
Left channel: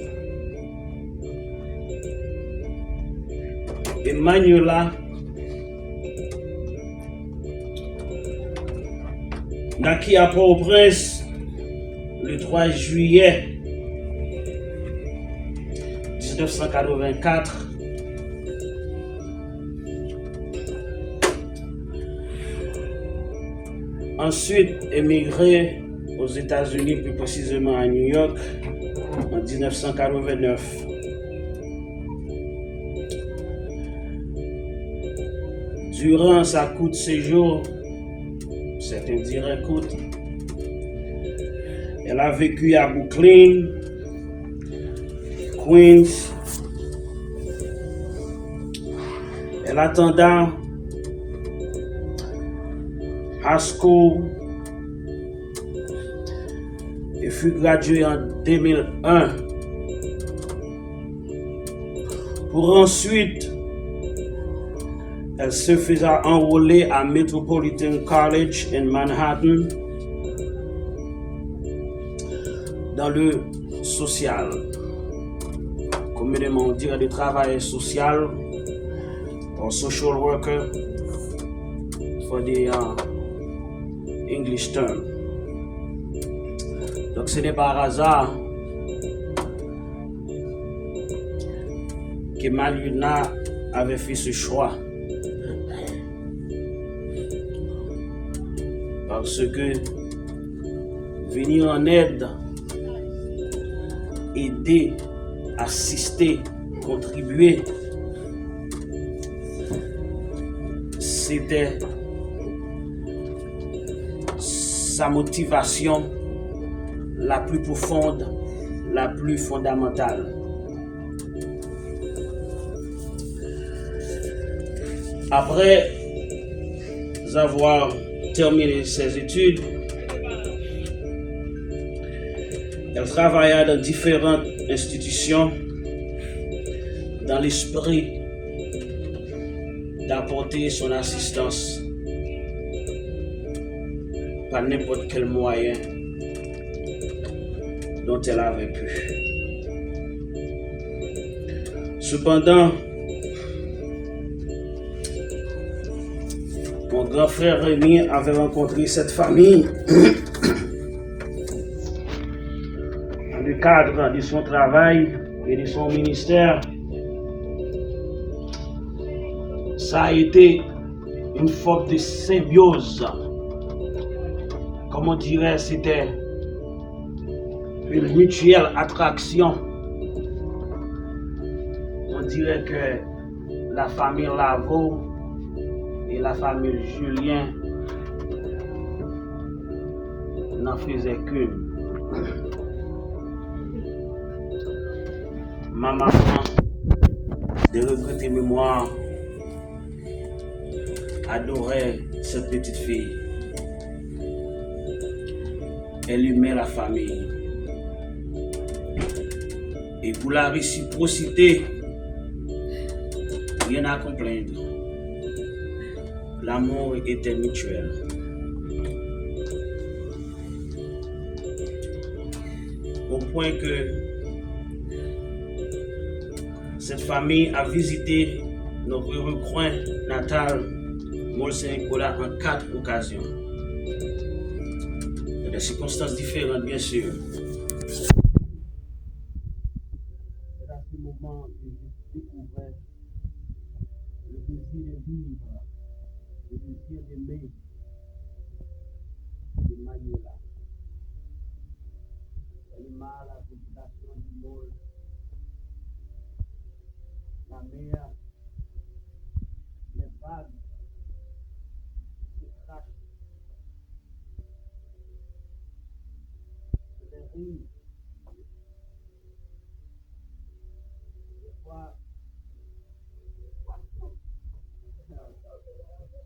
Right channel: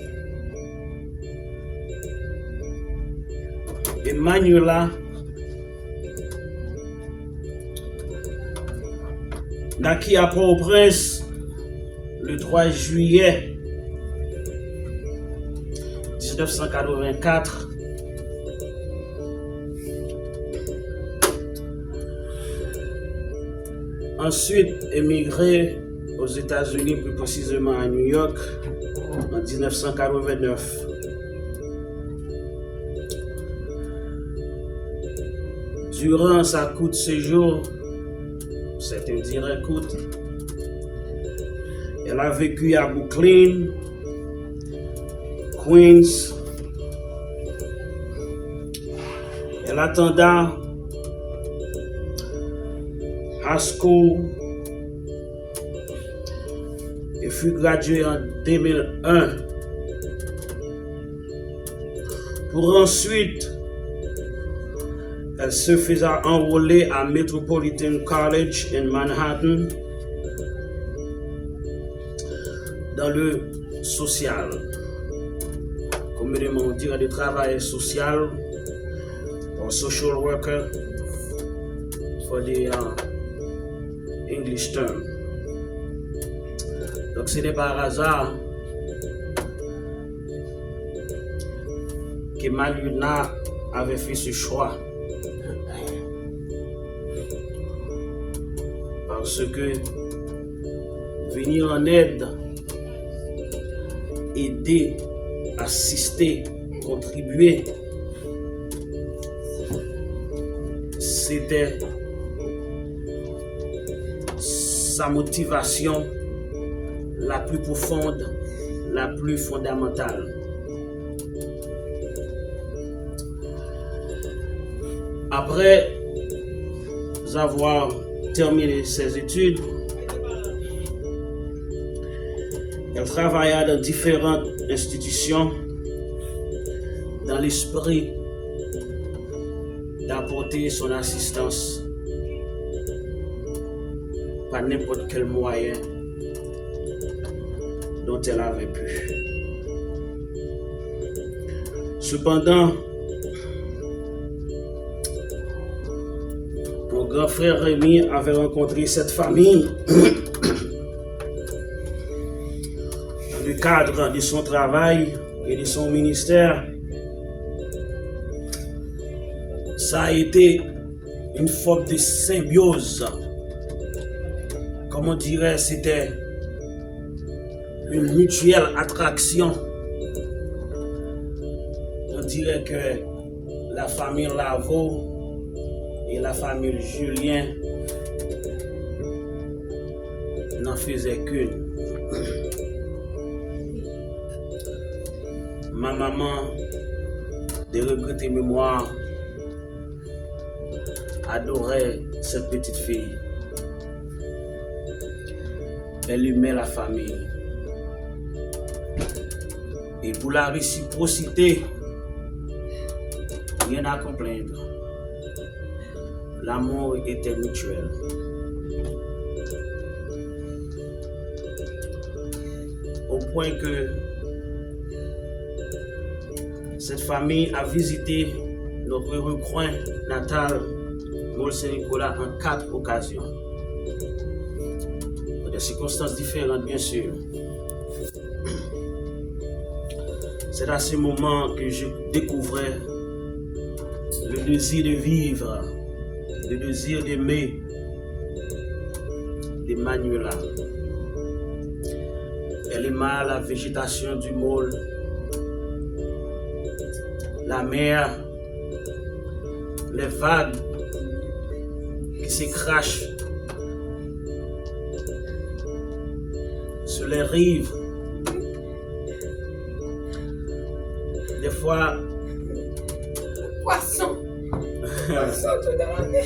Emmanuela naquit à Port-au-Prince le 3 juillet 1984 ensuite émigré aux États-Unis, plus précisément à New York, en 1989. Durant sa courte séjour, certains diraient courte, elle a vécu à Brooklyn, Queens. Elle attenda high school et fut graduée en 2001 pour ensuite elle se faisait enrôler à Metropolitan College in Manhattan dans le social, communément on dirait du travail social, or social worker for the English term. Donc ce n'est pas par hasard que Maluna avait fait ce choix. Parce que venir en aide, aider, assister, contribuer, c'était sa motivation la plus profonde, la plus fondamentale. Après avoir terminé ses études, elle travailla dans différentes institutions dans l'esprit d'apporter son assistance par n'importe quel moyen dont elle avait pu. Cependant, mon grand frère Rémi avait rencontré cette famille dans le cadre de son travail et de son ministère. Ça a été une forme de symbiose. Comme on dirait, c'était une mutuelle attraction. On dirait que la famille Lavaux et la famille Julien n'en faisaient qu'une. Ma maman, de regretter mémoire, adorait cette petite fille. Elle aimait la famille. Et pour la réciprocité, rien à complaindre. L'amour était mutuel. Au point que cette famille a visité notre recoin natal, Mont-Saint-Nicolas, en 4 occasions. Dans des circonstances différentes, bien sûr. C'est à ce moment que je découvrais le désir de vivre, le désir d'aimer de Manuela. Elle aima la végétation du môle, la mer, les vagues qui se crachent sur les rives. Des fois, Poisson. Poisson tout dans la mer.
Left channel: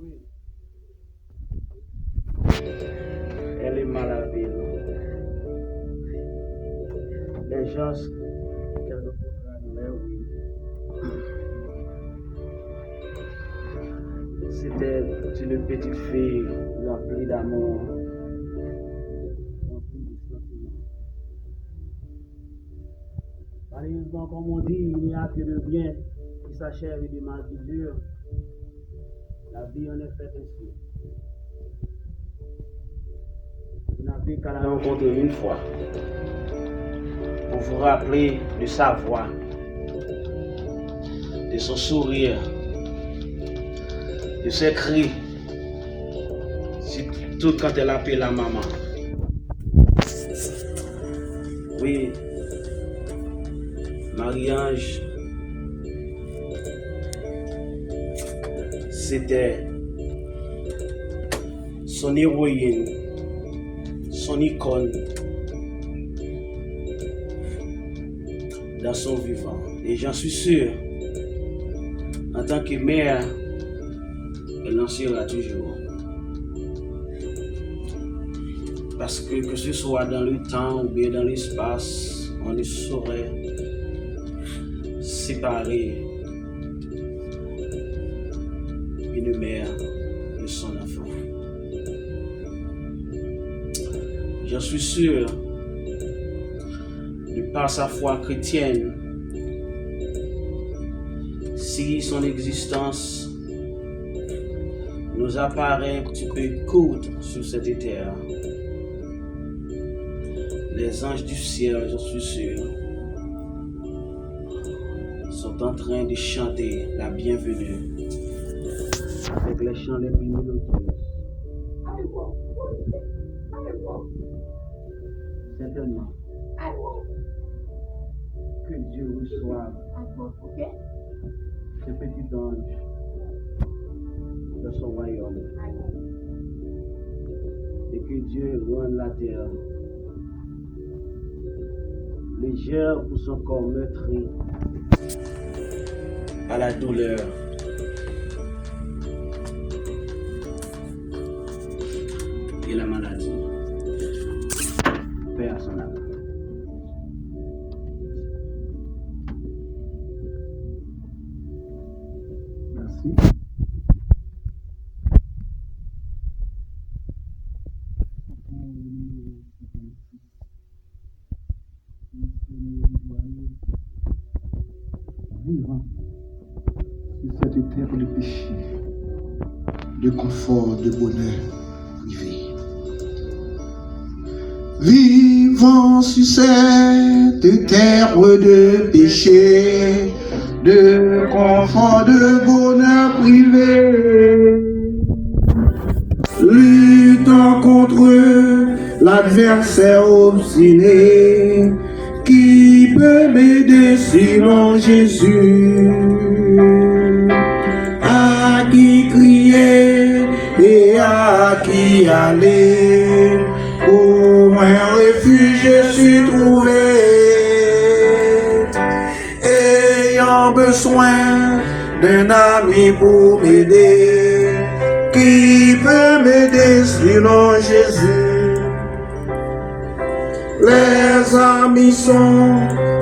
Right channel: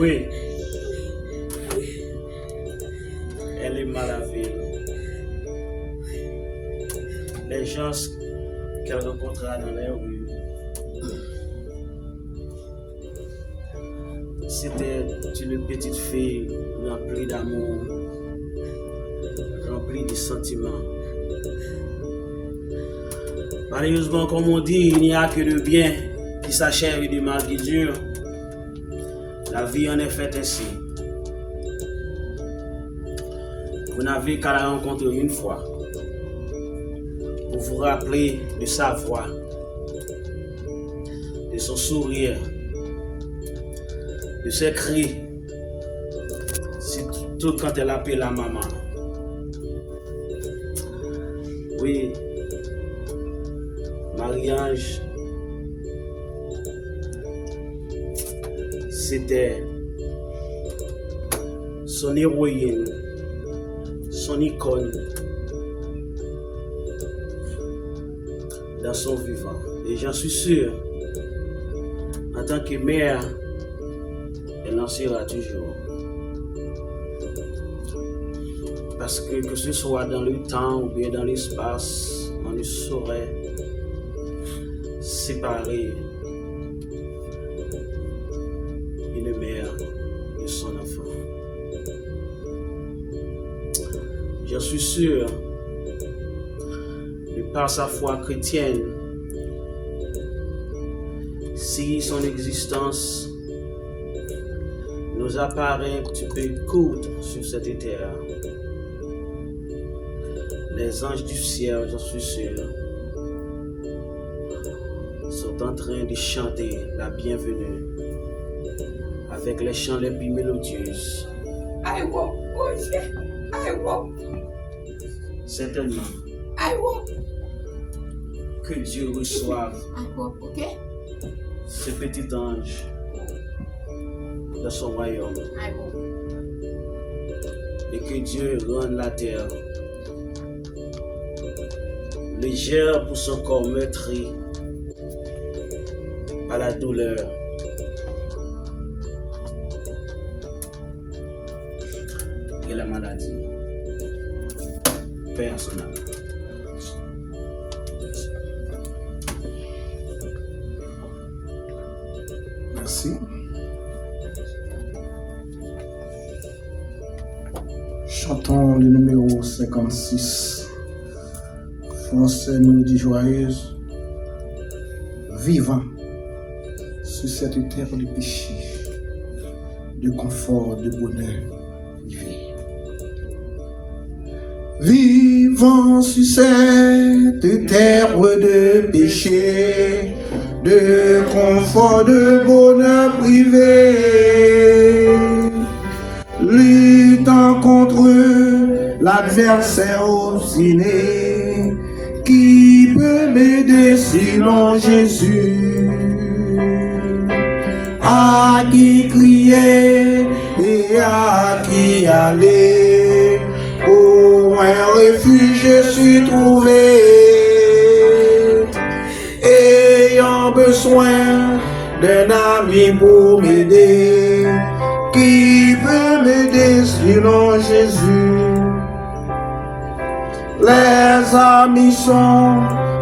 oui, elle aima la ville. Les gens qu'elle rencontra dans les rues. C'était une petite fille remplie d'amour, remplie de sentiments. Malheureusement, comme on dit, il n'y a que le bien qui s'achève et du mal qui dure. La vie en est faite ainsi. Vous n'avez qu'à la rencontrer une fois pour vous rappeler de sa voix, de son sourire, de ses cris. tout quand elle appelle la maman. Oui, Marie-Ange, c'était son héroïne, son icône dans son vivant. Et j'en suis sûr, en tant que mère, elle en sera toujours. Parce que ce soit dans le temps ou bien dans l'espace, on ne saurait séparer une mère de son enfant. J'en suis sûr, de par sa foi chrétienne, si son existence nous apparaît un petit peu courte sur cette terre, les anges du ciel, j'en suis sûr, sont en train de chanter la bienvenue avec les chants les plus mélodieux. I won't push it. I won't. Certainement, I won't. que Dieu reçoive I won't, okay? ce petit ange dans son royaume I won't. et que Dieu rende la terre légère pour son corps meurtri à la douleur. Et la maladie. Paix à son âme. Merci. Chantons le numéro 56. Français, mélodie joyeuse. Vivant sur cette terre de péché, de confort, de bonheur privé. Vivant sur cette terre de péché, de confort, de bonheur privé, luttant contre l'adversaire obstiné, qui peut m'aider sinon Jésus? À qui crier et à qui aller? Pour un refuge je suis trouvé, ayant besoin d'un ami pour m'aider. Qui peut m'aider sinon Jésus? Les amis sont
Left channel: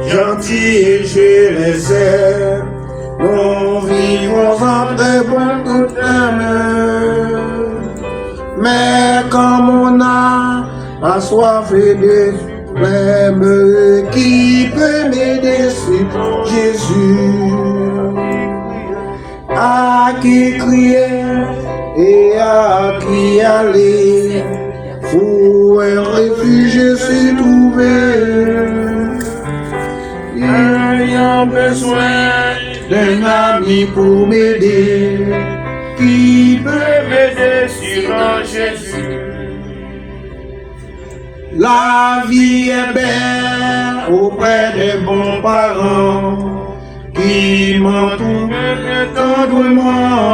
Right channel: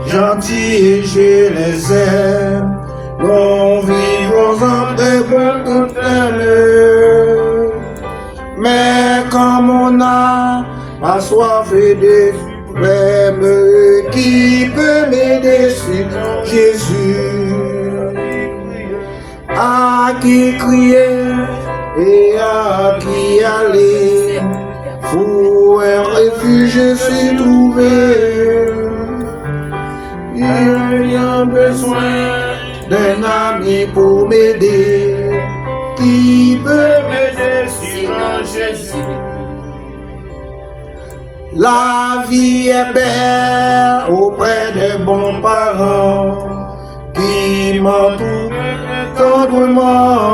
gentils et je les aime. Nous vivons en très bon tout à l'heure. Mais comme on a assoiffé des suprêmes, qui peut m'aider sinon Jésus? À qui crier et à qui aller? Pour un refuge je suis trouvé, ayant besoin d'un ami pour m'aider. Qui peut m'aider sinon Jésus? La vie est belle auprès des bons parents qui m'entourent tendrement,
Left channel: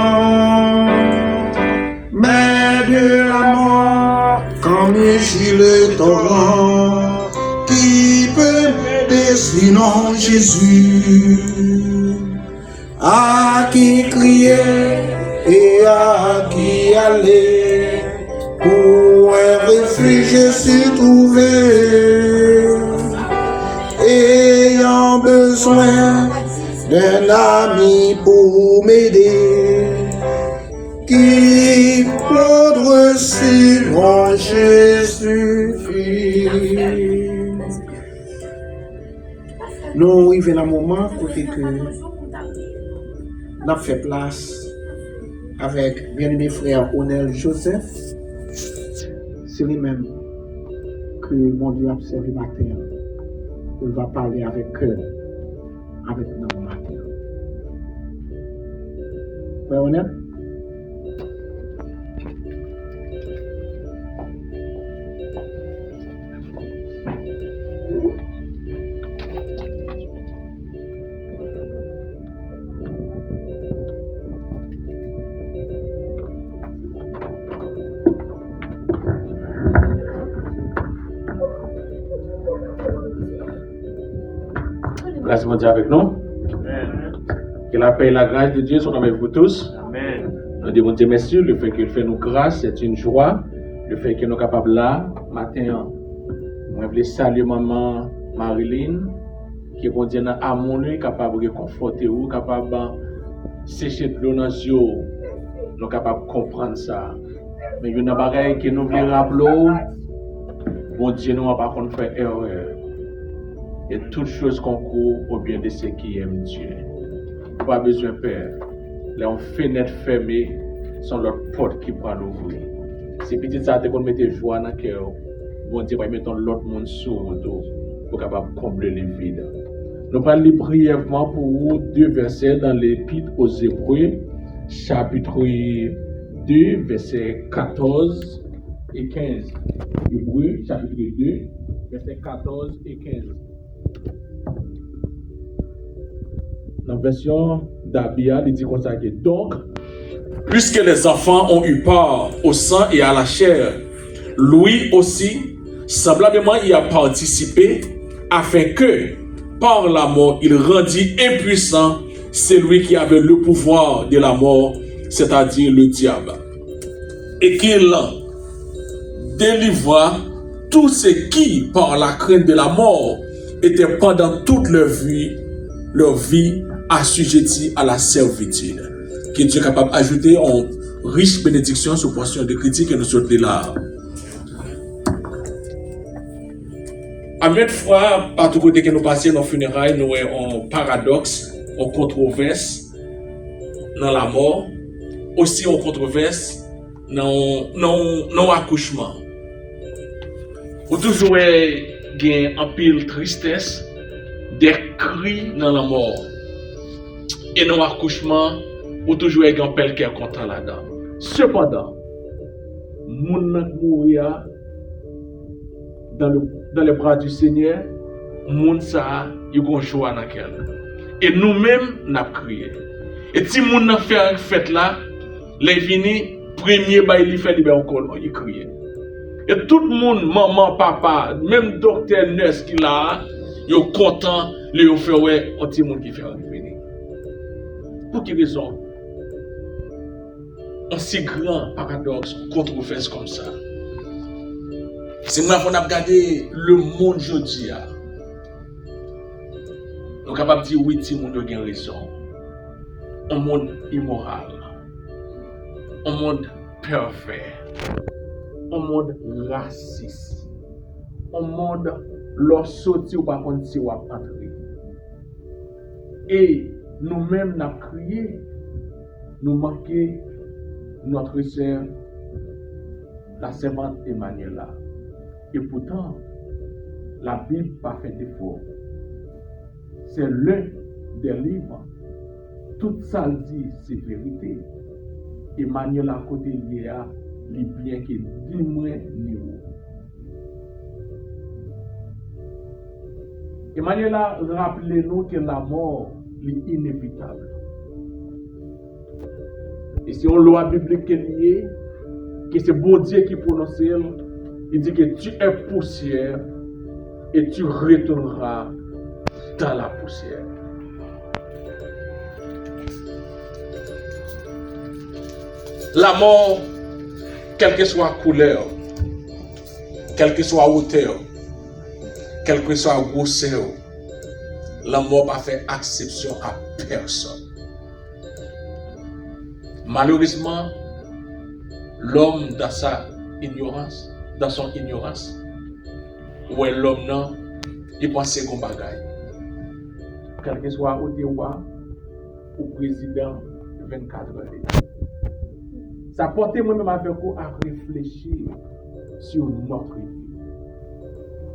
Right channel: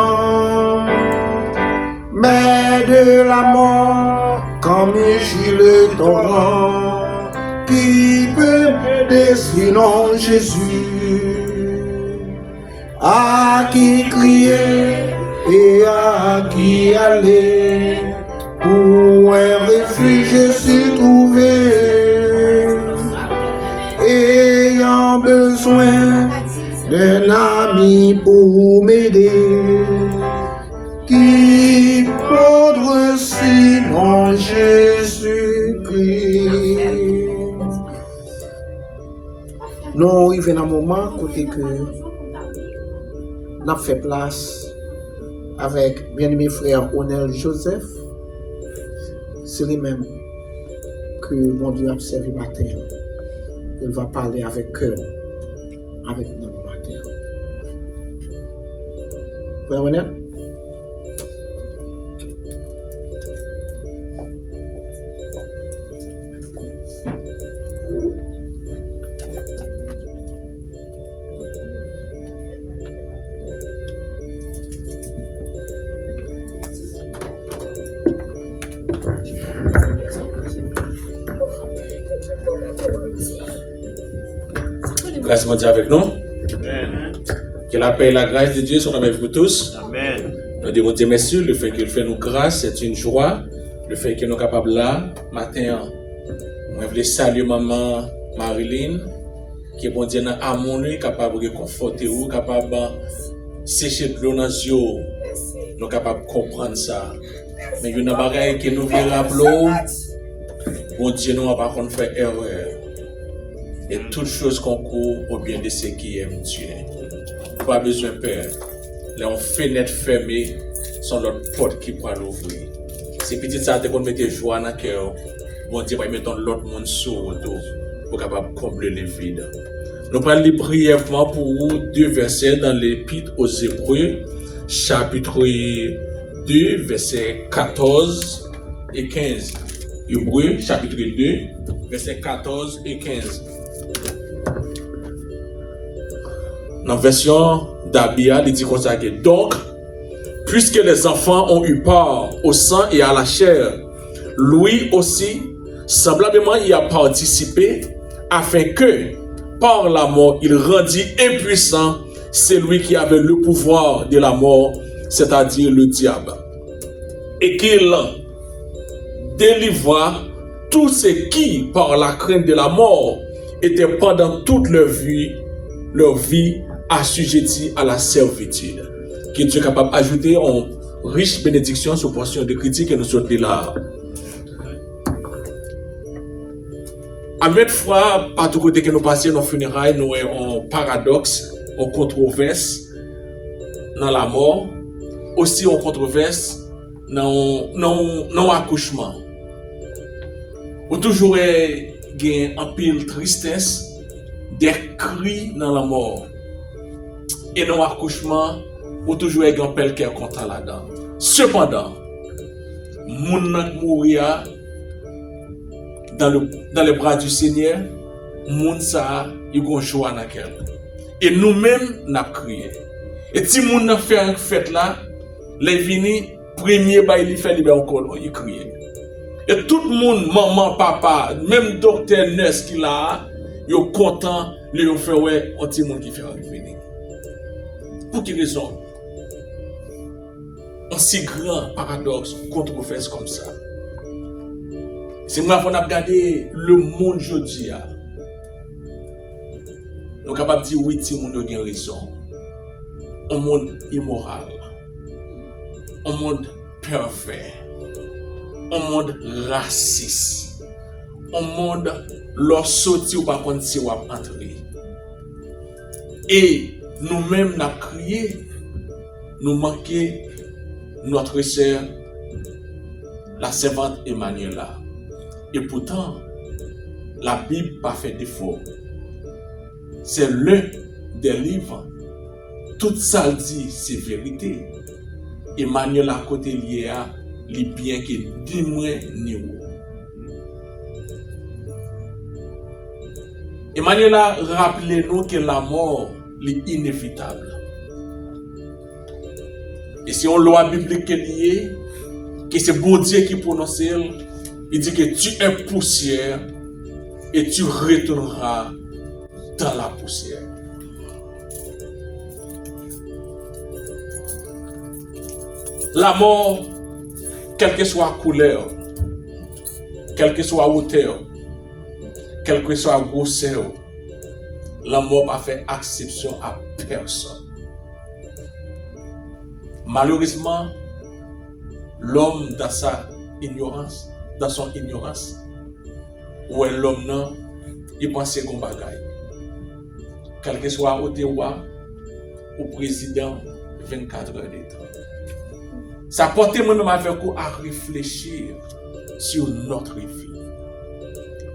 mais de la mort comme gît le torrent, qui peut m'aider sinon Jésus? À qui crier et à qui aller? Pour un refuge je suis trouvé, ayant besoin d'un ami pour m'aider. Qui prendre sinon Jésus? Nous arrivons à un moment côté que nous avons fait place avec bien-aimé frère Onel Joseph. C'est lui-même que mon Dieu a servi matin. Il va parler avec cœur avec nous matin. Frère Onel? grâce de Dieu avec nous. Que la paix et la grâce de Dieu soient avec vous tous. Amen. Nous disons Dieu merci, le fait qu'il fait nous grâce, c'est une joie. Le fait que nous sommes capables là, matin, je voulais saluer maman Marilyn, qui est bon Dieu dans l'amour, capable de réconforter vous, capable de sécher de l'eau dans les yeux. Nous sommes capables de comprendre ça. Mais il y a une bagaille que nous voulons rappeler, bon Dieu nous n'a pas fait erreur. Et toutes choses qu'on court au bien de ceux qui aiment Dieu. Pas besoin de peur. Les fenêtres fermées sont l'autre porte qui peut l'ouvrir. C'est petit ça qu'on mette joie dans le cœur. Bon Dieu va mettre l'autre monde sur le dos pour capable combler les vides. Nous allons lire brièvement pour vous 2 versets dans l'Épître aux Hébreux, chapitre 2, versets 14 et 15. Hébreux, chapitre 2, versets 14 et 15. Dans la version d'Abia, il dit comme ça que donc, puisque les enfants ont eu part au sang et à la chair, lui aussi, semblablement y a participé, afin que, par la mort, il rendit impuissant celui qui avait le pouvoir de la mort, c'est-à-dire le diable, et qu'il délivra tous ceux qui, par la crainte de la mort, étaient pendant toute leur vie assujettis à la servitude. Que Dieu est capable d'ajouter en riche bénédiction sur portion de critique et nous sommes là. À maintes fois, à tout côté que nous passions dans les funérailles, nous avons un paradoxe, une controverse dans la mort, aussi une controverse dans l'accouchement. Ou toujours il un pile tristesse, des cris dans la mort. Et dans l'accouchement, ou toujours un pile qui est content là-dedans. Cependant, moun nan mourir dans les bras du Seigneur, moun sa y gon joie dans quel. Et nous-mêmes n'a crié. Et si moun nan fait une fête là, les vini premier bail li fait libérer encore y crier. Et tout le monde, maman, papa, même docteur, nurse qui là, yo content, li yo fait ouais, un petit monde qui fait venir. Pour quelle raison? Un si grand paradoxe, controverse comme ça. C'est moi qu'on a regardé le monde aujourd'hui. Nous sommes capables de dire oui, tout le monde a raison. Un monde immoral. Un monde pervers. Un monde raciste. Un monde lorsque sorti ou pas contre si ou entrer. Et nous-mêmes, nous avons crié, nous manquons notre sœur, la servante Emmanuela. Et pourtant, la Bible n'a pas fait défaut. C'est l'un des livres. Tout ça dit, c'est vérité. Emmanuel à côté lié à les biens qui dis-moi ni où. Emmanuel a rappelé nous que la mort est inévitable. Et si on loi biblique est liée, que c'est bon Dieu qui prononce, il dit que tu es poussière et tu retourneras dans la poussière. La mort, quelle que soit la couleur, quelle que soit la hauteur, quelle que soit la grosseur, la mort n'a fait exception à personne. Malheureusement, l'homme dans sa ignorance, dans son ignorance, où est l'homme non, il pense qu'on bagaille. Quel que soit au roi ou président 24 heures. Ça porte moi-même avec vous à réfléchir sur notre vie.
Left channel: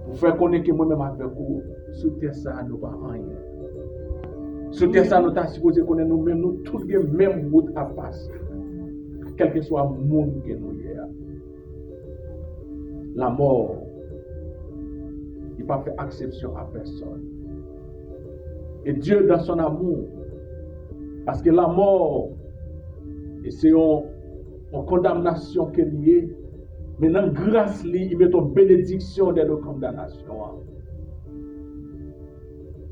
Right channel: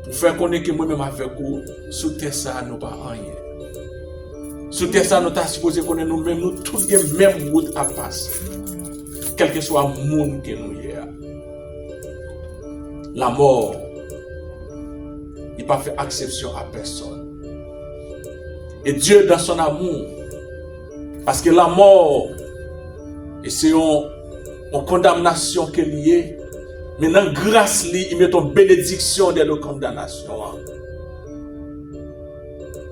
Pour faire connaître que moi-même avec vous, sous terre ça nous pas rien. Sous terre ça nous t'a supposé connaître nous-mêmes, nous tous les mêmes route à passer. Quel que soit le monde que nous y a. La mort, il n'a pas fait exception à personne. Et Dieu dans son amour, parce que la mort, et c'est en condamnation qu'elle y est, mais dans grâce, il met en bénédiction de la condamnation.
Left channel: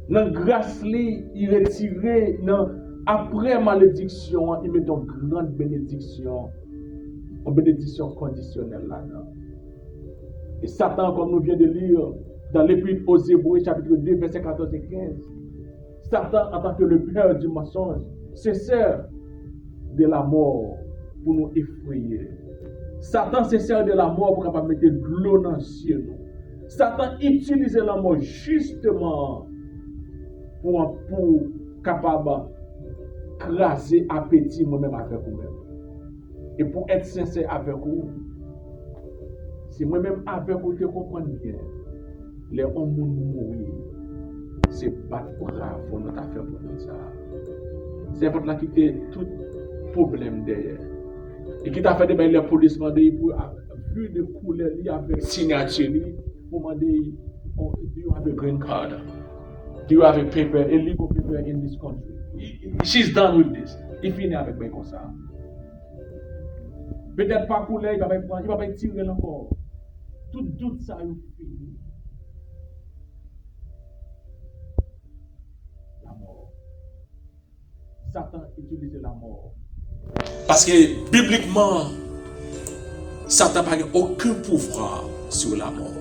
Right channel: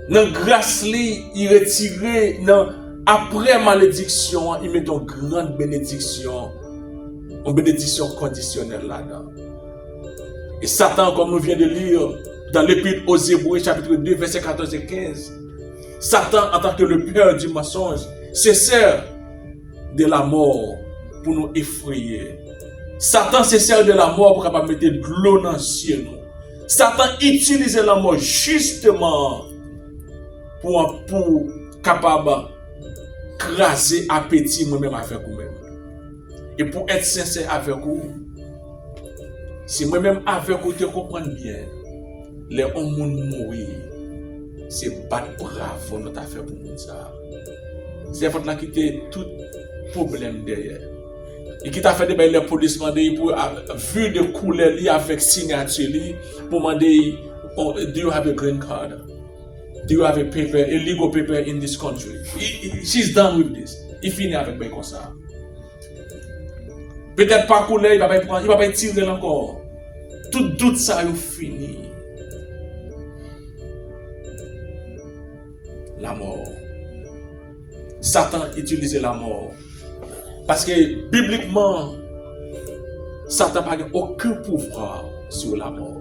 Dans grâce li, il retire dans après malédiction, il met une grande bénédiction. Une bénédiction conditionnelle là-dedans. Et Satan, comme nous venons de lire dans l'épître aux Hébreux, chapitre 2, versets 14 et 15, Satan, en tant que le père du mensonge, se sert de la mort pour nous effrayer. Satan se sert de la mort pour capable mettre de l'eau dans nous. Satan utilise la mort justement pour capable craser appétit moi-même avec vous-même. Et pour être sincère avec vous, si moi-même avec vous te comprendre bien, les hommes mourir, c'est pas de bravo notre affaire pour nous ça. C'est votre là qui était tout problème derrière. Et qui t'a fait des les police demander pour vu de couleur li avec signature li pour demander do you have a green card? Do you have a paper, a legal paper in this country? She's done with this. Il finit avec ben comme ça. Peut-être pas couleur, il va pas tirer encore. Tout doute ça est fini. La mort. Satan utilisait la mort. Parce que bibliquement, Satan n'a aucun pouvoir sur la mort.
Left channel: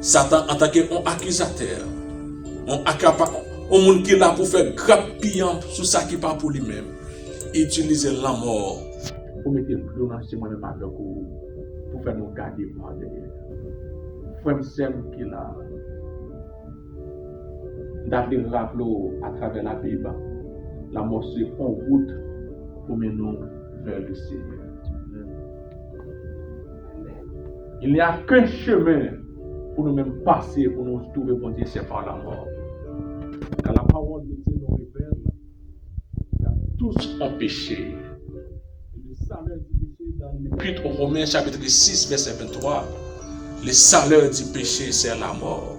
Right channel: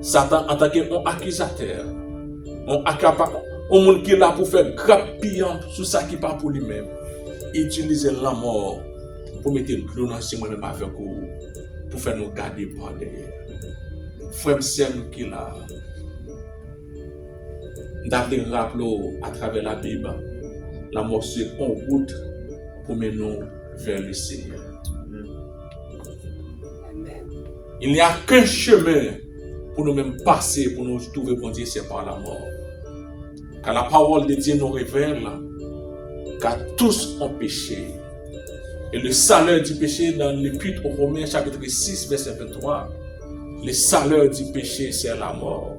Satan, en tant qu'accusateur, un monde qui est là pour faire grappillant sur ça qui part pour lui-même, utiliser la mort pour mettre le clou dans moi-même avec vous, pour faire nous garder par derrière. Frère Sem qui est là, d'aller rappeler à travers la Bible, la mort c'est en route pour mener nous vers le Seigneur. Il n'y a qu'un chemin pour nous-mêmes passer, pour nous trouver, bon Dieu, c'est par la mort. Car la parole de Dieu nous révèle qu'à tous ont péché. Et le salaire du péché, dans l'Épître aux Romains, chapitre 6, verset 23, le salaire du péché, c'est la mort.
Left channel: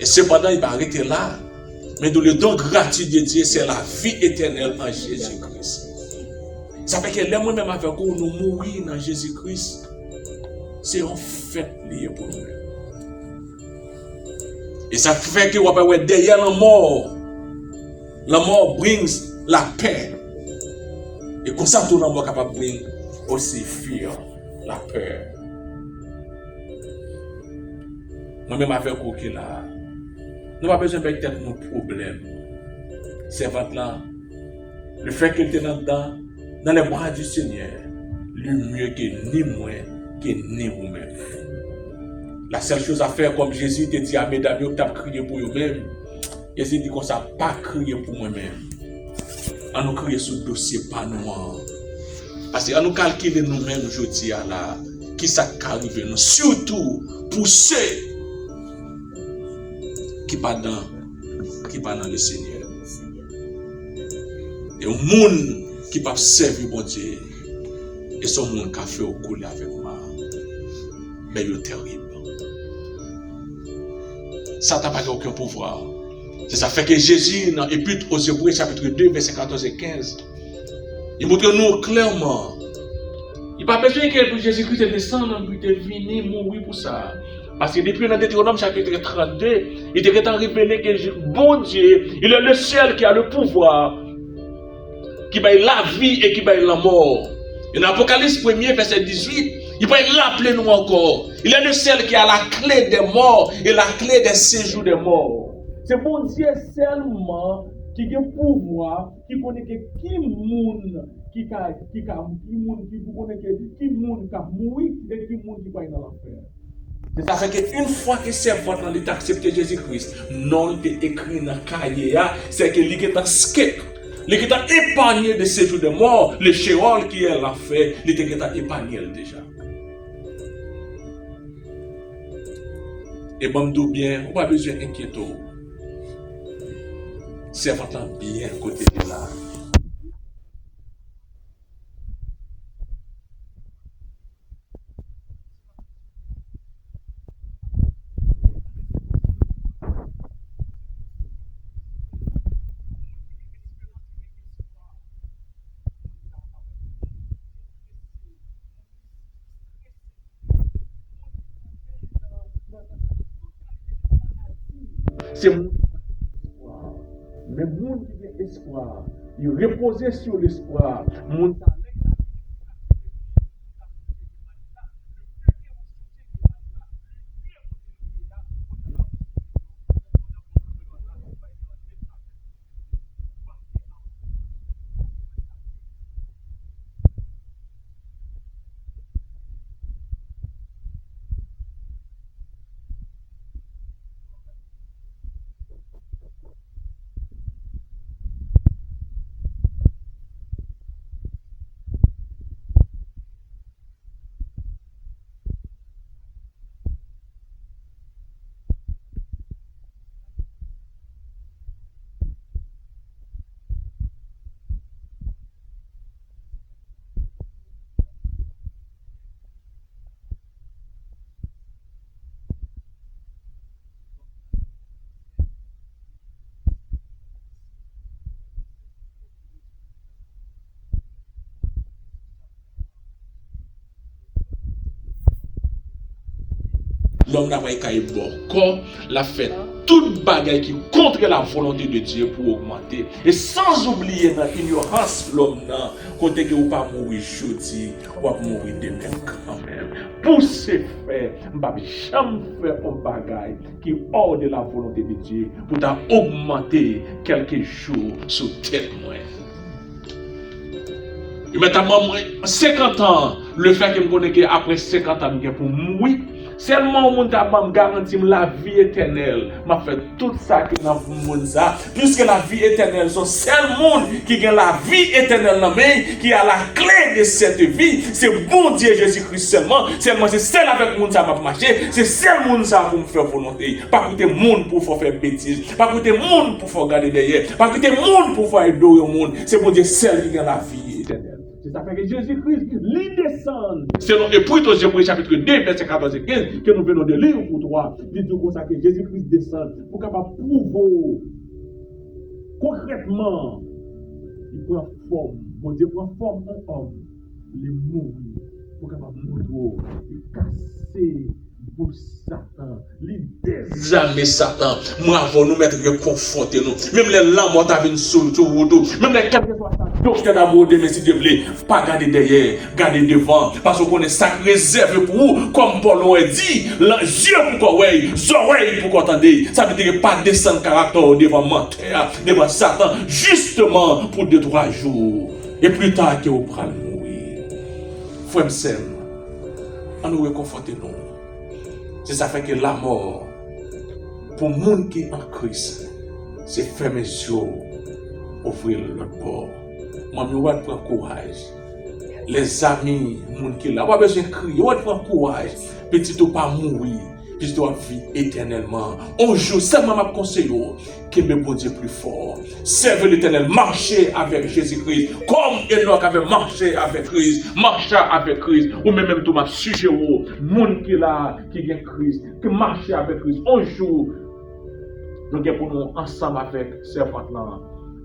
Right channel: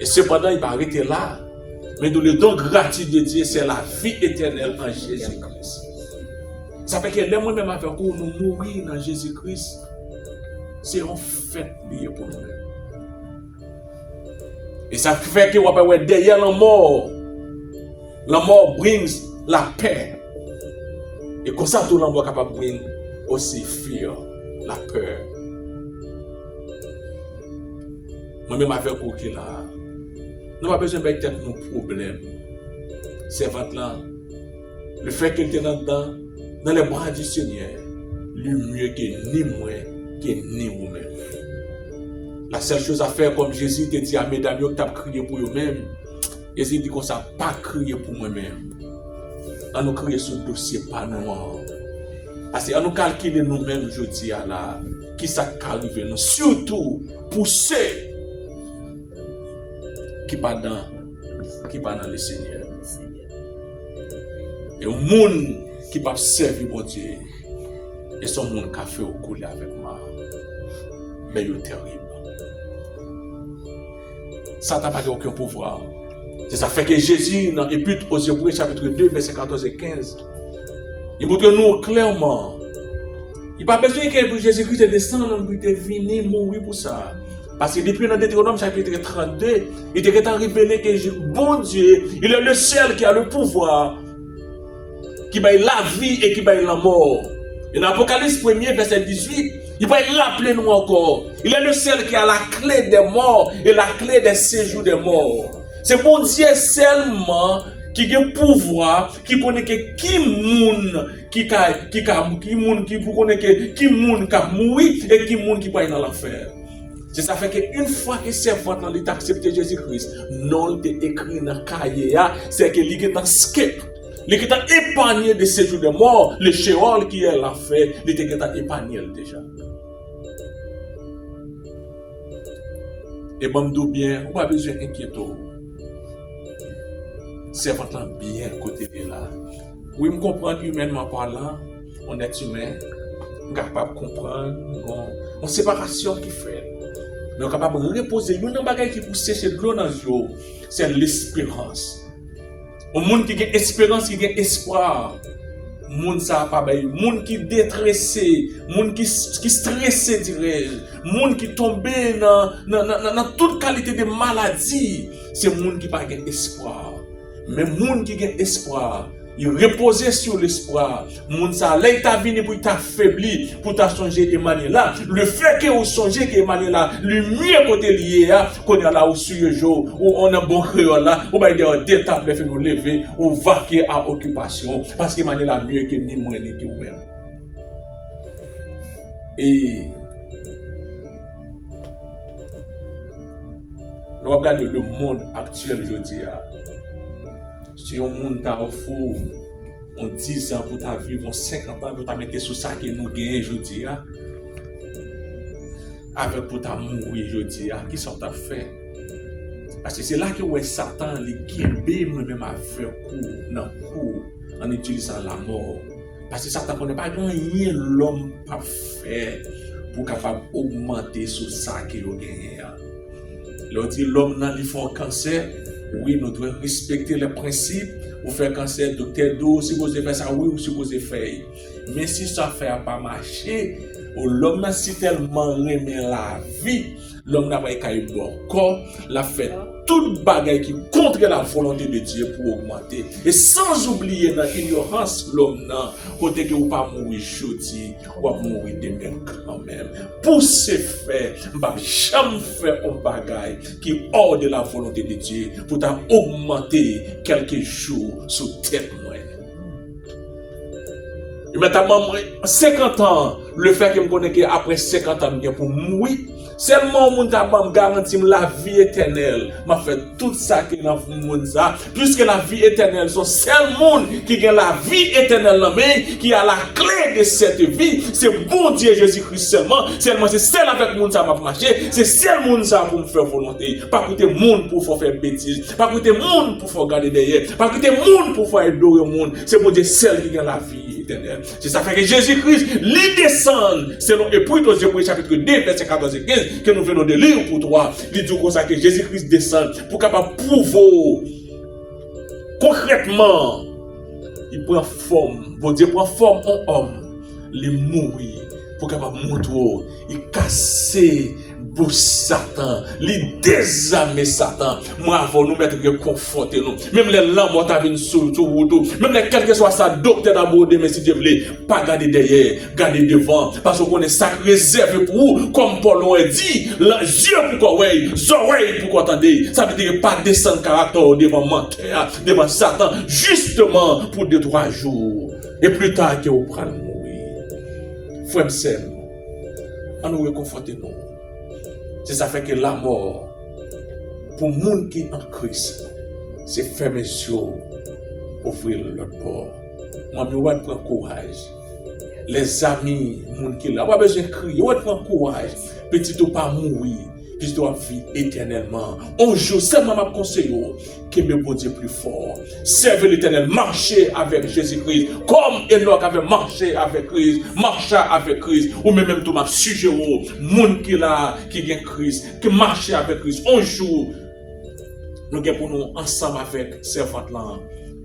Et cependant, il va arrêter là. Mais dans le don gratuit de Dieu, c'est la vie éternelle en Jésus-Christ. Ça fait que les moi-même avec vous, nous mourir dans Jésus-Christ, c'est un fait lié pour nous-mêmes. Et ça fait que derrière la mort brings la paix. Et comme ça, tout le monde est capable de bring aussi fear, la peur. Moi-même avec vous qui là, nous n'avons pas besoin de mettre nos problèmes. C'est votre là. Le fait qu'il était dans les bras du Seigneur, le mieux que ni moi, que ni vous-même. La seule chose à faire, comme Jésus te dit à mesdames, vous avez crié pour vous-même. Jésus dit qu'on ne s'est pas crié pour moi-même. On nous crier sur le dossier, pas nous. Parce qu'on nous calcule nous-mêmes aujourd'hui, là, qui ça arrive nous. Surtout pour ceux qui ne sont pas dans le Seigneur. Et au monde qui peut servir mon Dieu, et son monde qui a fait au couler avec moi. Mais il est terrible. Satan n'a pas aucun pouvoir. C'est ça fait que Jésus, dans l'Épître aux Hébreux, chapitre 2, verset 14 et 15, il montre nous clairement. Il n'y a pas besoin que Jésus-Christ descende, qu'il est venu mourir pour ça. Parce que depuis dans Deutéronome chapitre 32, il est révélé que bon Dieu, il est le seul qui a le pouvoir, qui va la vie et qui va la mort. Et dans l'Apocalypse 1er, verset 18, il va l'appeler nous encore. Il est le seul qui a la clé des morts et la clé des séjours des morts. C'est bon Dieu seulement qui a le pouvoir, qui connaît qui moun qui mourir et qui moun qui va dans l'enfer. C'est ça fait qu'une fois que c'est votre monde accepté Jésus-Christ, non est écrit dans le cahier, c'est que il est en skip. Il est épargné de ces jours de mort, le Sheol qui est l'enfer, il est épargné déjà. Et bon, d'où bien, on n'a pas besoin d'inquiéter. C'est votre bien côté de là. Oui, je comprends humainement parlant, on est humain, on est capable de comprendre, on séparation qui fait. Mais on est capable de reposer. Il y a un bagage qui pousse sécher de l'eau dans l'eau, c'est l'espérance. Au monde qui a espérance, qui a espoir, moun ça pas bay, moun qui détressé, moun qui stressé dirais, moun qui tombé dans toute qualité de maladie, c'est moun qui pas gain espoir. Mais moun qui gain espoir, il repose sur l'espoir. Moun sa là il t'a venu pour t'affaiblir, pour t'a changer de manière là. Le fait que vous changez de manière là, le mieux côté lié qu'on est là au sur le jour où on a bon créole là, ou bien des d'étape fait nous lever ou vaquer à occupation parce que manière là mieux que ni moi ni que vous-même. Et nous regardons le monde actuel aujourd'hui. Si on monde t'a fou, on 10 ans pour ta vie, on 50 ans pour ta mettre sur ça que nous gagnons aujourd'hui. Avec pour ta mourir aujourd'hui, qui sont ta fait? Parce que c'est là que ouais Satan les guimbe même à faire coup en utilisant la mort. Parce que Satan connaît pas rien l'homme pas fait pour capable augmenter sur ça que vous gagnez. L'on dit l'homme n'a ni fort cancer. Oui, nous devons respecter les principes. Vous faites cancer, docteur d'eau, si vous avez fait ça, oui, ou si vous avez fait. Mais si ça ne fait pas marcher, l'homme si tellement remet la vie, l'homme n'a pas qu'à y bon corps, l'a fait toute bagaille qui contre la volonté de Dieu pour augmenter. Et sans oublier dans l'ignorance, l'homme n'a côté que vous pas mourir aujourd'hui, ou pas mourir demain quand même. Pour ce faire, je ne vais jamais faire un bagaille qui est hors de la volonté de Dieu pour augmenter quelques jours sous tête. Et maintenant, 50 ans, le fait que je me connais qu'après 50 ans, pour mourir, seulement mon me garantit la vie éternelle. M'a fait tout ça qui dans le monde ça, puisque la vie éternelle, c'est seul monde qui a la vie éternelle là même, qui a la clé de cette vie, c'est bon Dieu Jésus-Christ seulement. Seulement c'est seul avec monde ça m'a marcher, c'est seul monde ça pour me faire volonté. Pas côté monde pour faire bêtises, pas côté monde pour faire garder derrière, pas côté monde pour faire adorer au monde. C'est bon Dieu seul qui a la vie éternelle. C'est ça fait que Jésus-Christ lui descend selon Épître aux Hébreux chapitre 2 verset 14 et 15 que nous venons de lire pour toi. Il dit comme ça que Jésus-Christ descend pour capable prouver concrètement. Il prend forme, bon Dieu prend forme en homme, les mourir pour capable montrer, il casser pour Satan, les désarmer Satan. Moi avant nous mettre réconforter nous. Même les lampes ont venir sur tout, même les quel que soit ça docteur d'amour de mais si Dieu voulait pas garder derrière, garder devant parce qu'on est ça réservé pour vous comme Paul l'a dit, les yeux pour quoi les oreilles pour entendre. Ça veut dire pas descendre caractère devant menteur, devant Satan justement pour 2-3 jours et plus tard que vous prenez mourir. Frère Sem, on nous réconforter nous. C'est ça fait que la mort, pour le monde qui est en Christ, c'est fermer les yeux, ouvrir l'autre bord. Moi, je prends courage. Les amis, les gens qui sont là, pas besoin de crier, je prends courage. Petit ou pas mourir, petit ou vivre éternellement. Un jour, seulement ma conseille, que me bon Dieu plus fort. Servez l'Éternel, marchez avec Jésus-Christ, comme Enoch avait marché avec Christ, marcha avec Christ, ou même tout ma sujet, monde qui là, qui vient Christ, qui marche avec Christ. Un jour, nous sommes pour nous ensemble avec servante là,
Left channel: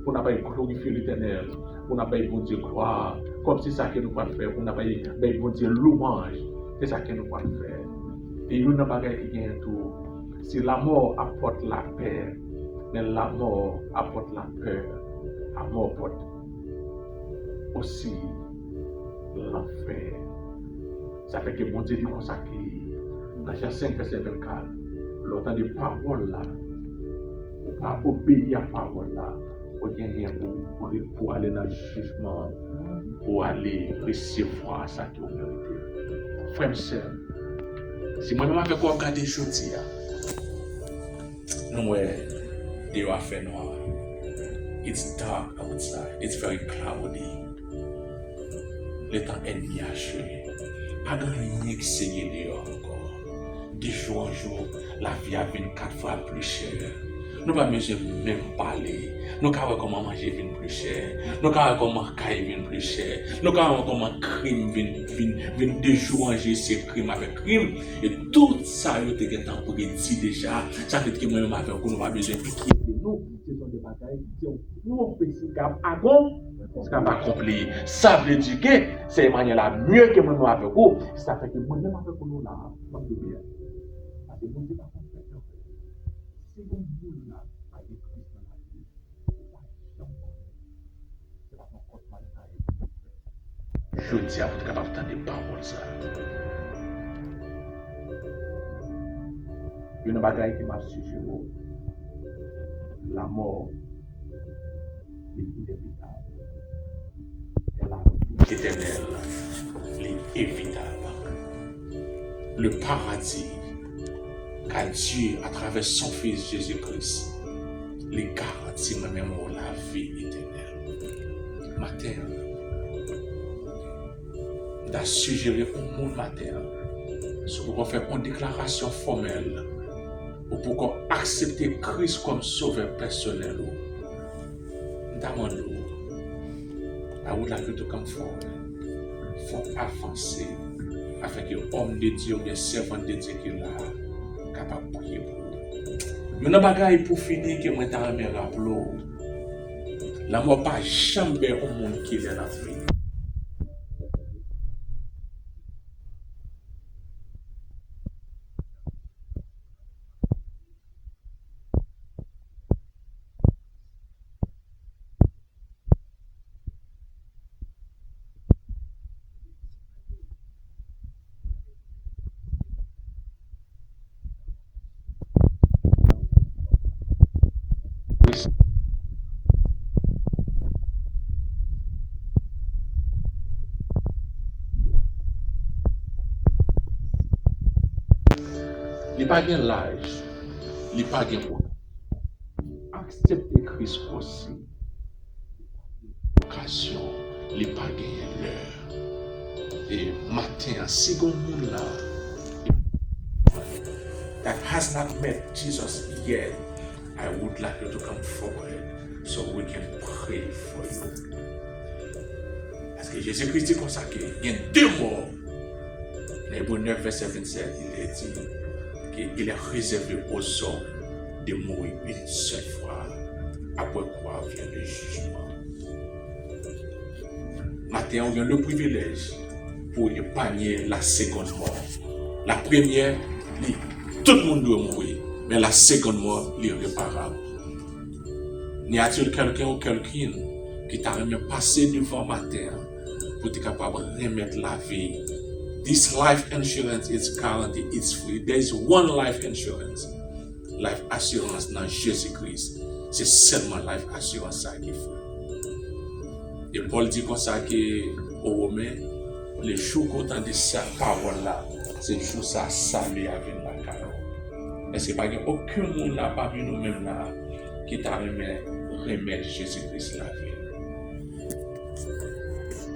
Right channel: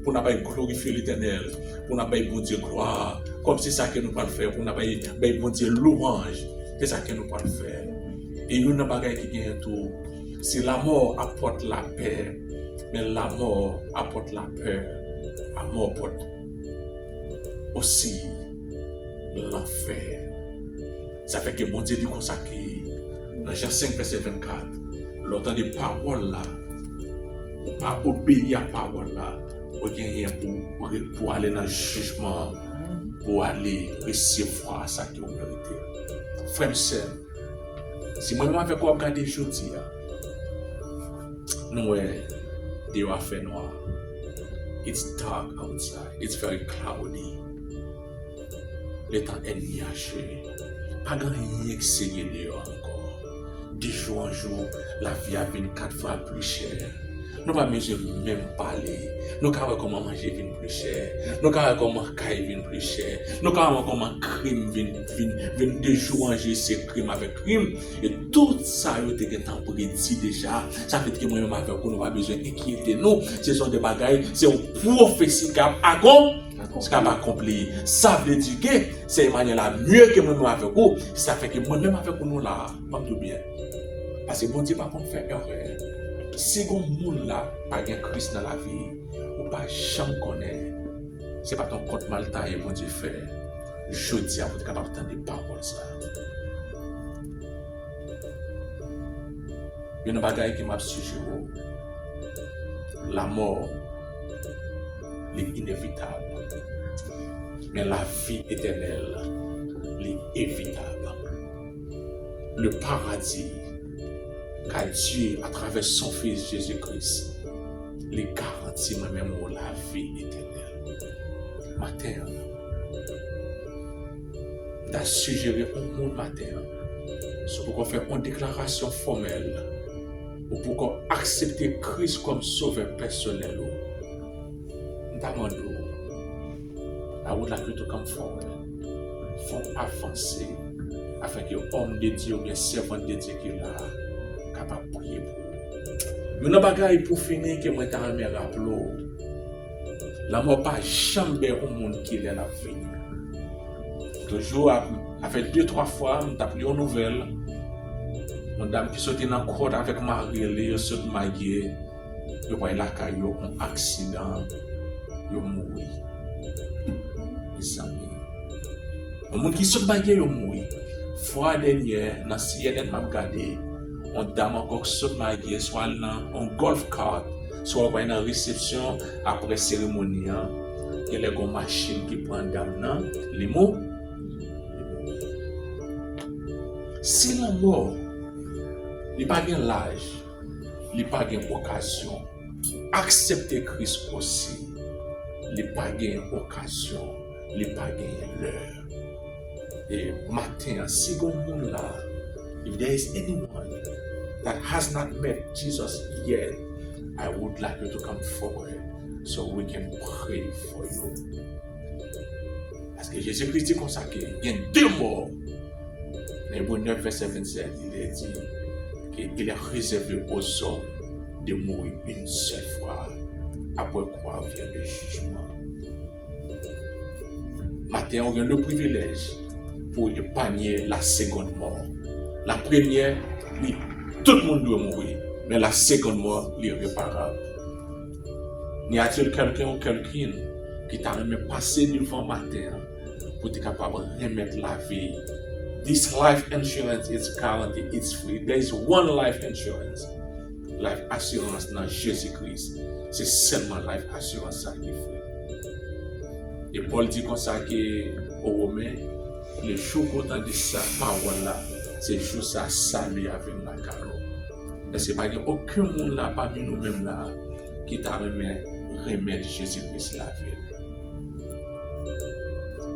pour nous pas glorifier l'Éternel, pour nous pas bon Dieu gloire, comme c'est ça que nous pouvons faire, pour nous pas bon Dieu louange, c'est ça que nous pouvons faire. Et nous n'avons pas qui gagne tout. Si la mort apporte la paix, mais la mort apporte la peur, la mort apporte aussi l'enfer. Ça fait que mon Dieu dit consacré dans Jean 5 verset 24, l'autant des paroles là, ou pas obéir à la parole là, ou bien pour aller dans le jugement, pour aller recevoir ça que vous méritez. Frère Sem, si moi-même avec quoi regarder aujourd'hui, nous they are fait noir. It's dark outside. It's very cloudy. Le temps est nuageux. Pas grand rien qui s'est dehors encore. De jour en jour, la vie a vint 4 fois plus chère. Nous ne pouvons même parler. Nous ne pouvons pas comment manger vient plus cher. Nous ne pouvons pas comment cailler vient plus cher. Nous ne pouvons pas comment crime vient de jour en jour, c'est crime avec crime. Et tout ça, nous avons pour dire déjà. Ça fait que moi-même avec nous, nous avons besoin de quitter nous. Ce sont des bagailles, c'est une prophétie qui a Ce qu'on va accomplir. Ça veut dire que c'est manière la mieux que moi avec vous. Ça fait que moi-même avec nous là, pas tout bien. Parce que bon Dieu pas qu'on fait erreur. Si on monde là, pas de Christ dans la vie, ou pas jamais connaît, c'est pas ton compte mal taillé, bon Dieu fait. Je dis à vous capable d'entendre des paroles ça. Il y a une bagaille qui m'a suivi. La mort est inévitable. Mais la vie éternelle est évitable. Le paradis qu'a Dieu à travers son Fils Jésus-Christ les garantit même la vie éternelle. Matin, dans suggéré un monde matin, c'est pour qu'on fasse une déclaration formelle ou pour qu'on accepte Christ comme sauveur personnel. Demandons à vous la vie de comme fort, faut avancer afin que l'homme de Dieu, le servant de Dieu qui est là, capable de prier pour vous. Nous n'avons pas pour finir que moi t'ai remis rappelé. La mort pas jamais un monde qui est dans la vie. Toujours, après 2-3 fois, nous avons pris une nouvelle. Une dame qui sortait dans le cours avec Marie, elle saute mariée. Elle voit la caillou, un accident, elle mourit. Les amis. Le monde qui saute mariée, elle mourit. Fois dernière, dans le ciel, m'a regardé. Une dame encore saute mariée, soit dans un golf cart, soit dans une réception après cérémonie. Il y a une machine qui prend dame, les mots. Si la mort, il n'y a pas de l'âge, il n'y a pas d'occasion. Accepter Christ aussi, il n'y a pas d'occasion, il n'y a pas l'heure. Et matin, si vous êtes là, if there is anyone that has not met Jesus yet, I would like you to come forward so we can pray for you. Parce que Jésus-Christ dit comme ça qu'il y a 2 morts. Dans Hébreux 9, verset 27, il est dit qu'il est réservé aux hommes de mourir une seule fois, après quoi vient le jugement. Maintenant, on a le privilège pour épargner la seconde mort. La première, tout le monde doit mourir, mais la seconde mort, est réparable. N'y a-t-il quelqu'un ou quelqu'une qui t'a même passé devant matin pour être capable de remettre la vie? This life insurance is guaranteed, it's free. There is one life insurance. Life assurance dans Jésus-Christ. C'est seulement life assurance qui est free. Et Paul dit comme ça qu'aux Romains, les jours qu'on entend de sa parole-là, c'est le jour ça salut avec la carreau. Mais ce n'est pas aucun monde là, parmi nous-mêmes là, qui t'a remettre Jésus-Christ la vie.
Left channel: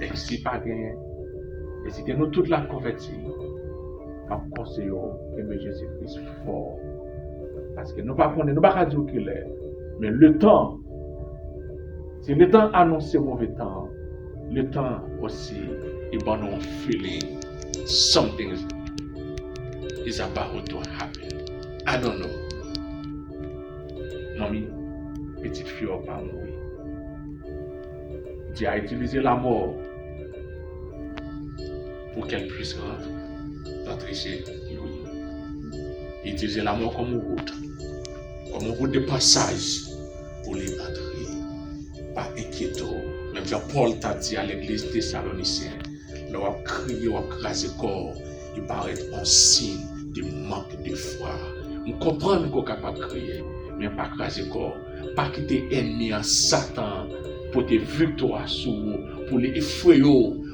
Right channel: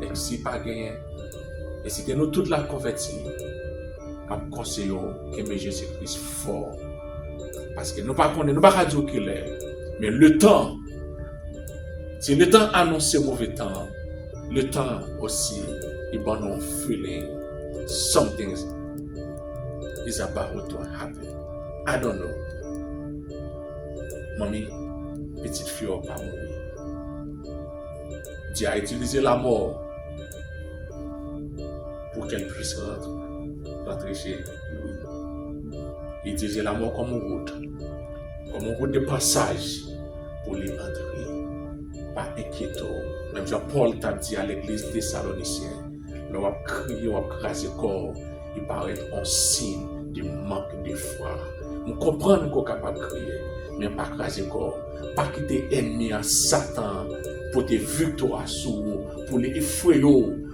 Et si pas gagné, et si nous toute la convertie, nous conseillons que Jésus-Christ fort. Parce que nous ne pouvons pas dire qu'il est. Mais le temps, si le temps annonce mauvais temps, le temps aussi, il va nous feeling something is about to happen. I don't know. Mamie, petite fille n'a pas mourir. Dieu a utilisé la mort pour qu'elle puisse rentrer chez lui. Il a utilisé la mort comme une route de passage pour les rentrer. Pas inquiétant. Même Jean-Paul t'a dit à l'église thessalonicienne, leur a crié, leur a crasé le corps, il paraît un signe de manque de foi. Nous comprenons qu'on est capable de crier, mais pas craser le corps. Pas quitter l'ennemi en Satan pour te victoire sur vous, pour les effrayer,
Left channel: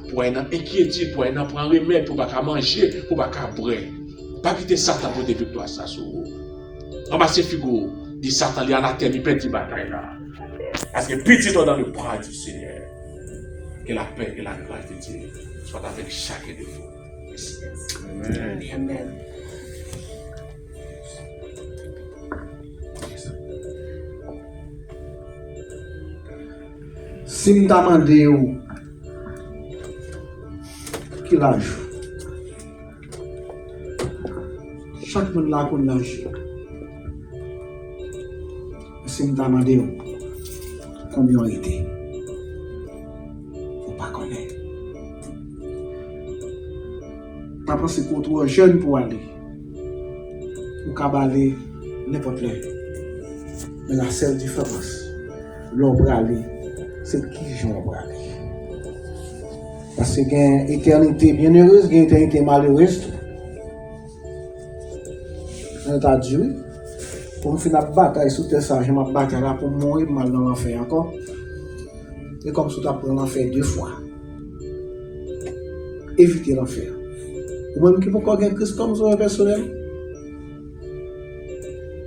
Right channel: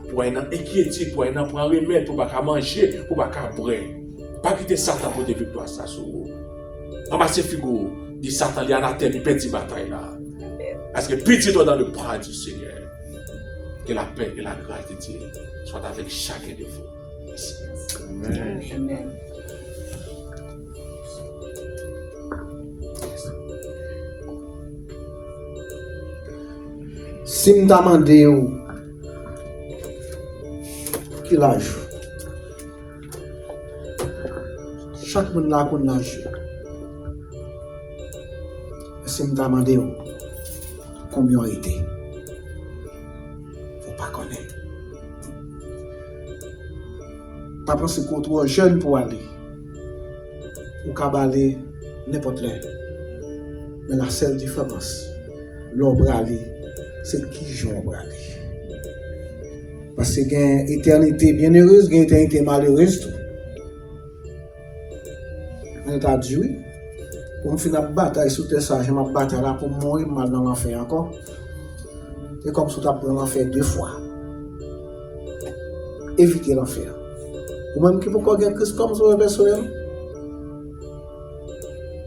pour une inquiétude, pour un remède, pour pas manger, pour pas boire. Pas quitter Satan pour te victoire sur vous. On va se figurer, dit Satan, il y a la terre, il perd cette bataille là. Parce que petit-toi dans le bras du Seigneur. Que la paix et la grâce de Dieu soient avec chacun de vous. Merci. Amen. Amen. Si nous demandons qui l'âge, chaque monde là qu'on l'âge. Si nous demandons combien il était. pas connaître. Pas penser qu'on trop jeune pour aller. Ou qu'à aller n'importe où. Mais la seule différence, l'on va aller, c'est qui j'en va aller. Parce qu'il y a une éternité bienheureuse, il y a une éternité malheureuse. On a dit oui. Pour me finir la bataille sur tes sages, je me bataille là pour mourir mal dans l'enfer encore. C'est comme si tu as pris l'enfer 2 fois. Éviter l'enfer. Ou même qui peut encore gagner Christ comme ça personnel.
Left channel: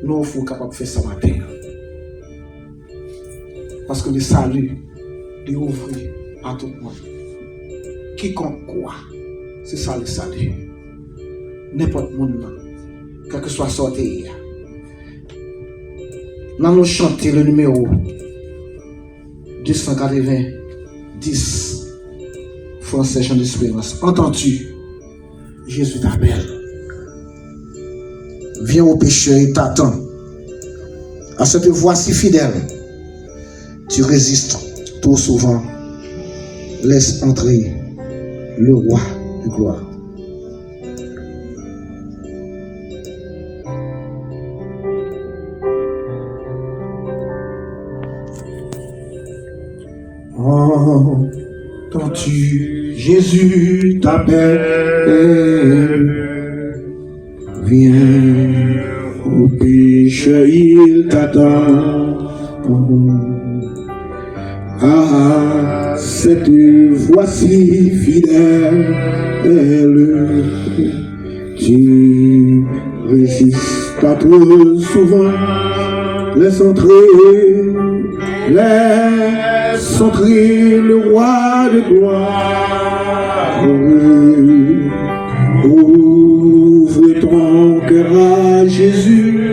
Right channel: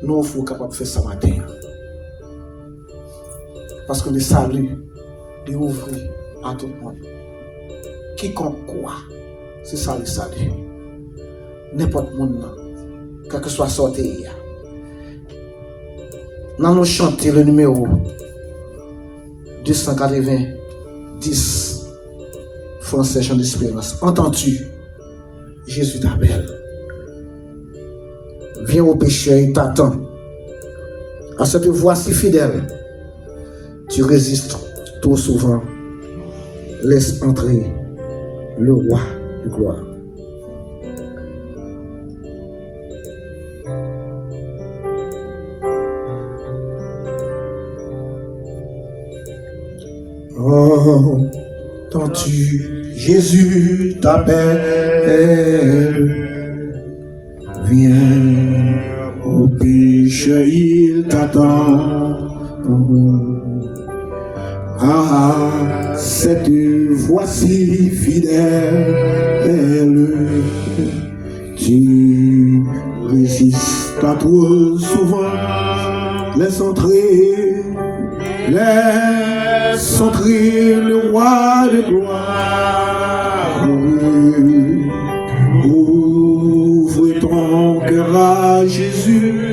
Nous sommes capables de faire ça matin. Parce que le salut est ouvert à tout le monde. Quiconque quoi, c'est ça le salut. N'importe monde, quel que soit sorti. Nous allons chanter le numéro 290 Français Chant d'Espérance. Entends-tu? Jésus t'appelle. Viens au pécheur, il t'attend. À cette voix si fidèle, tu résistes trop souvent. Laisse entrer le roi de gloire. Entends-tu, Jésus t'appelle. Viens au pécheur, il t'attend. Ah, cette voix-ci fidèle, tu résistes pas trop souvent. Laisse entrer le roi de gloire. Ouvre ton cœur à Jésus.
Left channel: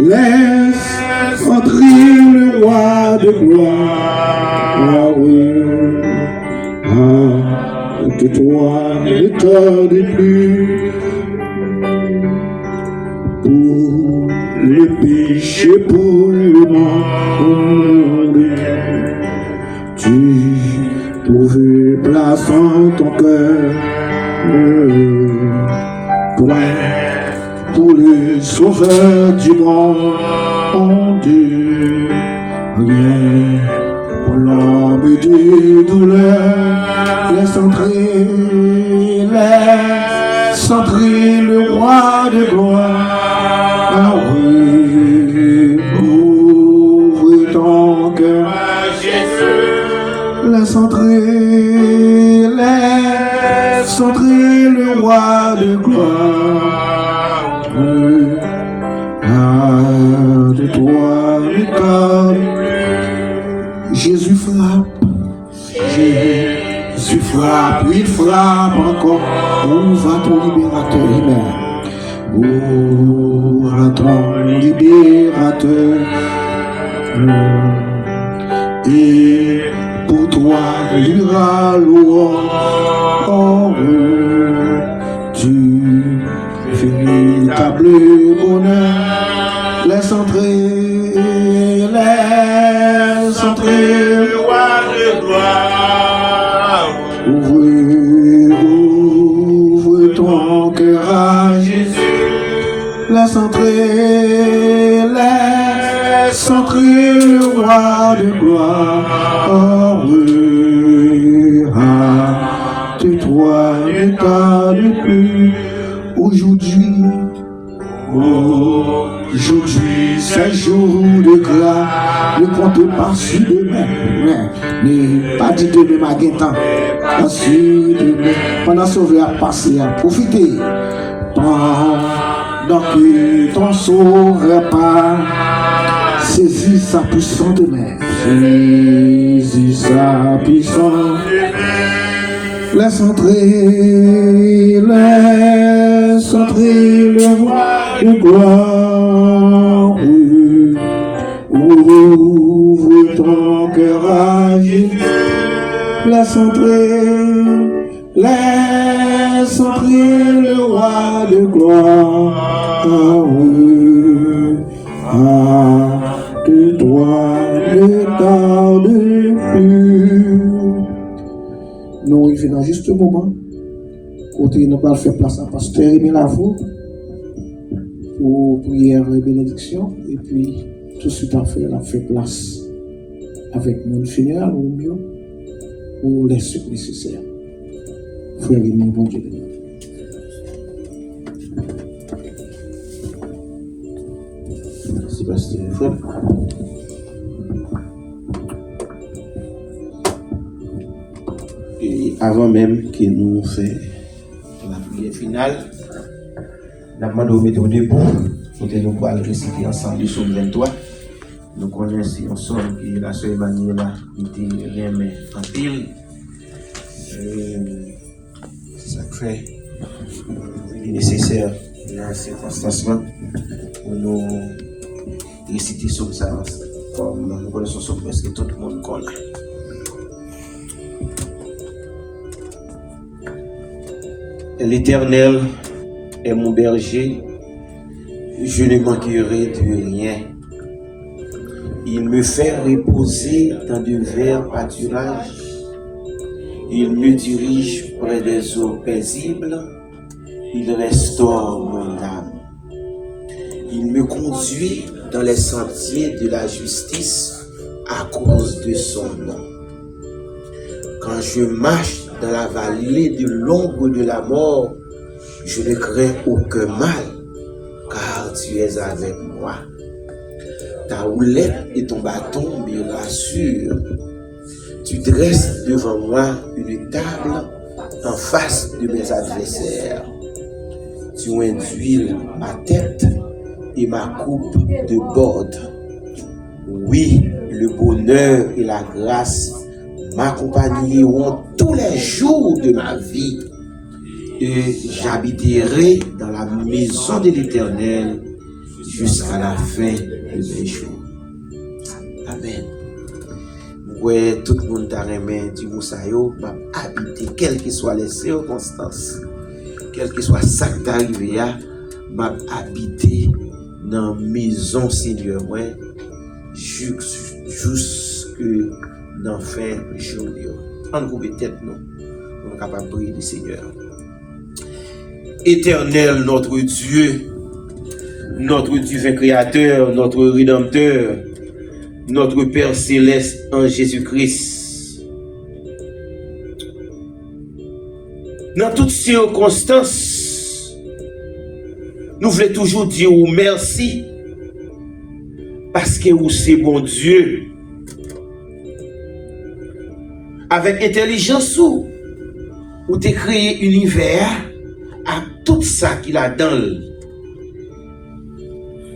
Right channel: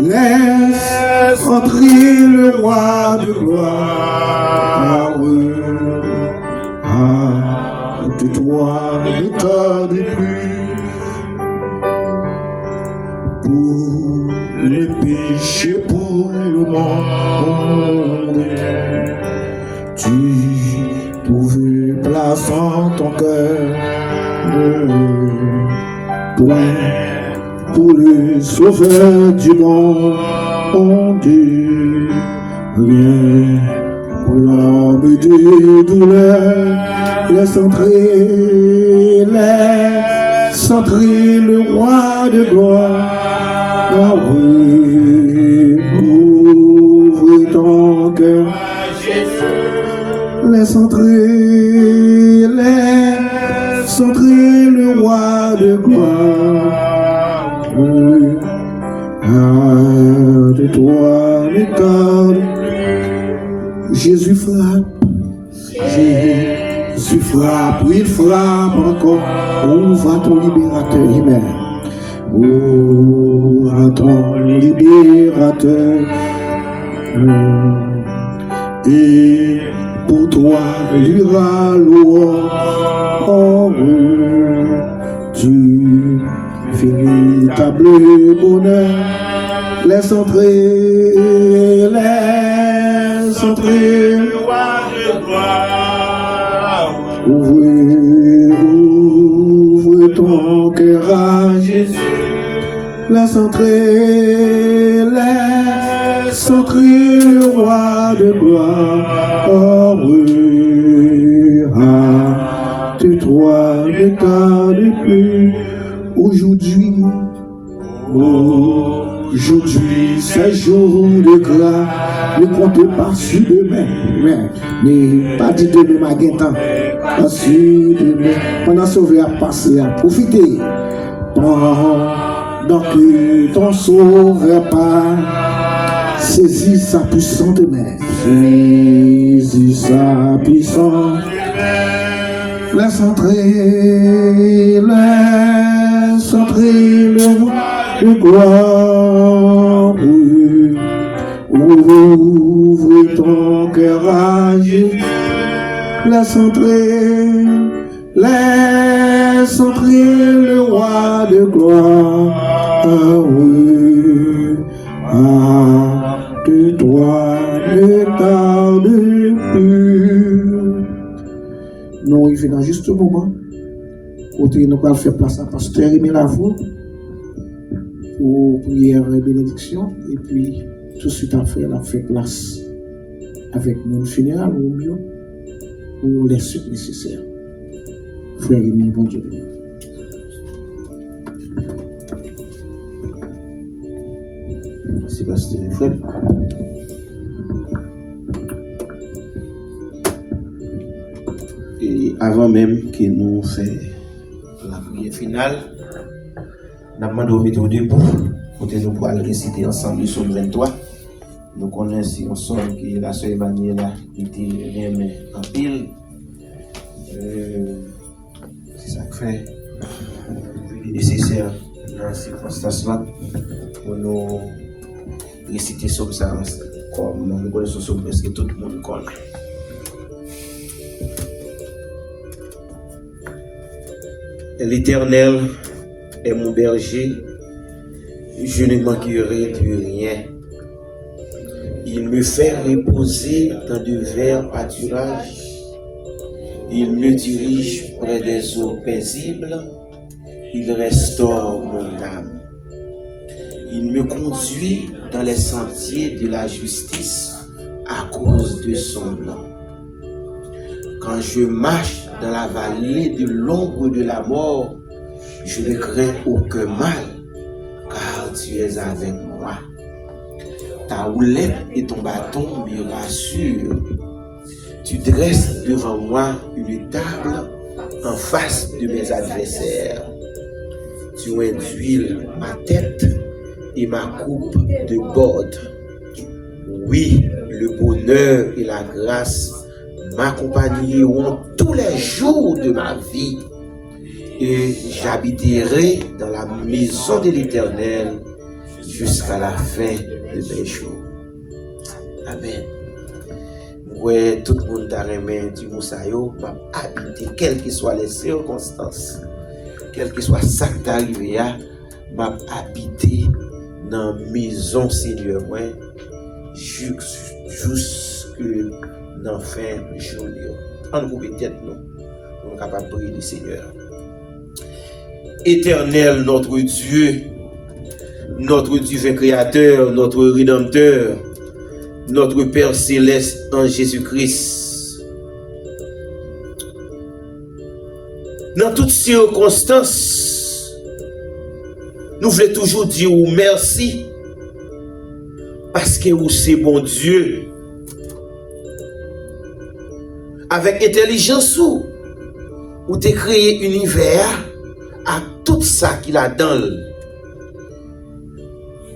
Laisse entrer le roi de gloire. De toi ne tarde plus. Pour le péché, pour le monde, tu trouves place en ton cœur. Pour le sauveur du monde, rien pour l'homme de douleur. Laisse entrer le roi de gloire. Ouvre ton cœur, laisse entrer le roi de gloire. De toi le corps, Jésus frappe, il frappe encore. On va ton libérateur, Amen. Oh, à ton libérateur. Et pour toi, l'ira louange. Tu véritable bonheur. Laisse entrer le roi de gloire. Ouvre ton cœur à Jésus. Laisse entrer le roi de gloire. De toi ne tarde plus. Aujourd'hui, c'est jour de grâce. Ne comptez pas sur demain. Ne pas dit demain, ma guettant. Pas sur demain. Pendant sauver à passer, à profiter. Pendant que ton sauveur part, saisis sa puissante main. Saisis sa puissante main. Laisse entrer le roi de gloire. Ouvre ton cœur à Jésus. Laisse entrer le roi de gloire. De toi ne tarde plus. nous arrivons dans juste un moment, côté nous allons faire place à Pasteur Aimé Lavoie pour prière et bénédiction, et puis tout de suite après, on a fait place avec mon funéral au mieux pour les suites nécessaires. Frère Aimé, bon Dieu. Merci, Pasteur Frère. Et avant même que nous fassions la prière finale, nous avons demandé au debout pour que nous puissions réciter ensemble le psaume 23. Nous connaissons ensemble que la seule manière là était remis en pile. C'est ça que fait. Il est nécessaire dans ces circonstances-là pour nous réciter sur ça comme nous connaissons sur presque tout le monde connaît. L'Éternel est mon berger, je ne manquerai de rien. Il me fait reposer dans de verts pâturages. Il me dirige près des eaux paisibles. Il restaure mon âme. Il me conduit dans les sentiers de la justice à cause de son nom. Quand je marche dans la vallée de l'ombre de la mort, je ne crains aucun mal, car tu es avec moi. Ta houlette et ton bâton me rassurent. Tu dresses devant moi une table en face de mes adversaires. Tu induis ma tête et ma coupe déborde. Oui, le bonheur et la grâce m'accompagneront tous les jours de ma vie, et j'habiterai dans la maison de l'Éternel jusqu'à la fin de mes jours. Amen. Ouais, tout le monde a remis du moussaillot, m'a habité, quelles que soient les circonstances, quel que soit ça qui est arrivé, m'a habité dans la maison Seigneur, ouais, jusque dans la fin du jour. On coupe tête, non, on est capable de prier le Seigneur. Éternel, notre Dieu divin créateur, notre rédempteur, notre Père céleste en Jésus-Christ. Dans toutes circonstances, nous voulons toujours dire merci parce que vous c'est bon Dieu. Avec intelligence, vous avez créé l'univers à tout ça qu'il a dans.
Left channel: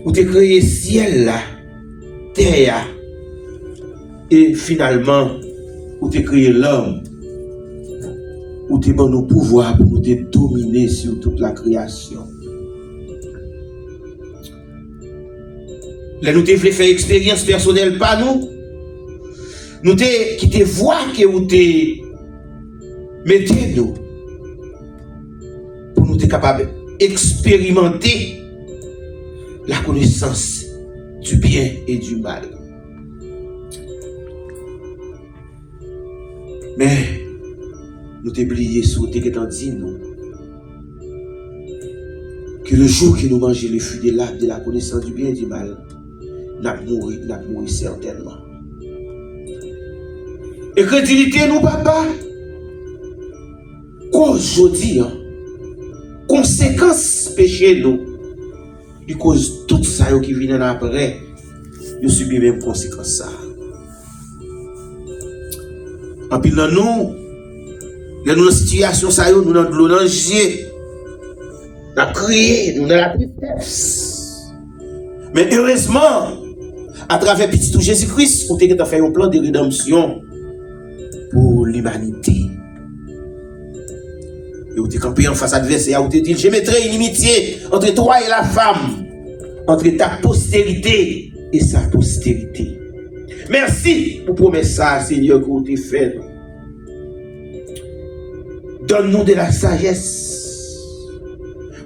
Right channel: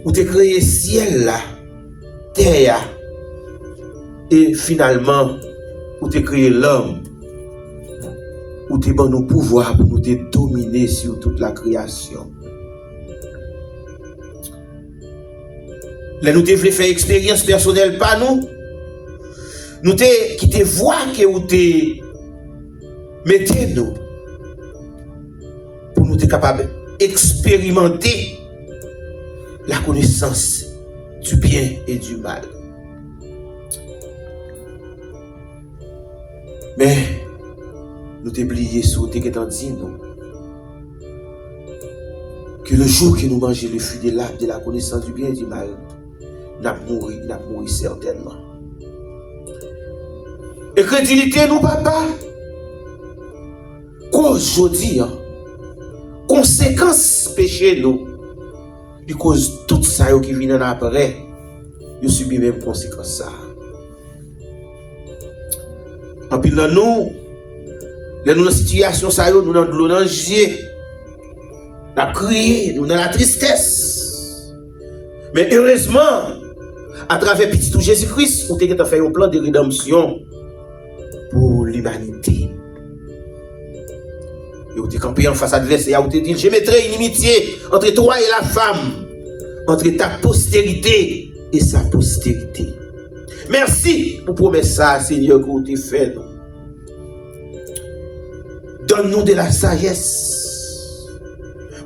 Vous avez créé le ciel, la terre, et finalement, vous avez créé l'homme. Vous avez donné nos pouvoirs pour nous dominer sur toute la création. Là, nous devons faire expérience personnelle par nous. Nous devons quitter voir que vous mettez nous pour nous être capables d'expérimenter la connaissance du bien et du mal. Mais nous devons oublier ce que nous dit nous. Que le jour que nous mangeons le fruit de la connaissance du bien et du mal, nous allons mourir certainement. Et crédulité, nous, papa, qu'aujourd'hui, conséquence péché, nous, du cause tout ça qui vient après, nous subissons même conséquence ça. En plus, nous, dans la situation, nous dans l'eau dans le yeux, nous avons crié, nous dans la tristesse. Mais heureusement, à travers petit Jésus-Christ, nous avons fait un plan de rédemption pour l'humanité. Et vous avez campé en face adversaire, vous avez dit, je mettrai une inimitié entre toi et la femme, entre ta postérité et sa postérité. Merci pour promesse ça, Seigneur, que vous avez fait. Donne-nous de la sagesse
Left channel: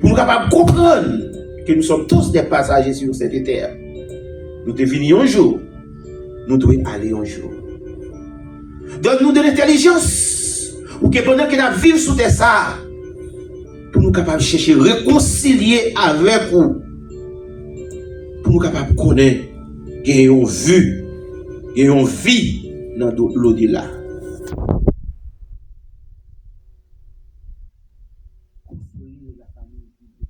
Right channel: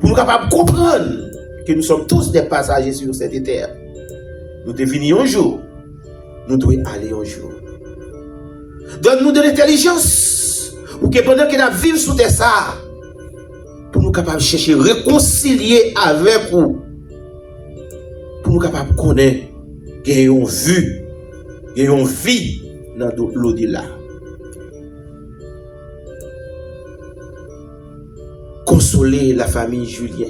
pour nous capables de comprendre que nous sommes tous des passagers sur cette terre. Nous devons venir un jour, nous devons aller un jour. Donne-nous de l'intelligence Ou que pendant que nous vivons sous terre ça, pour nous capables de chercher réconcilier avec vous, pour nous capables de connaître qu'il y a une vue, qu'il y a une vie dans l'au-delà. Consoler la famille Julien.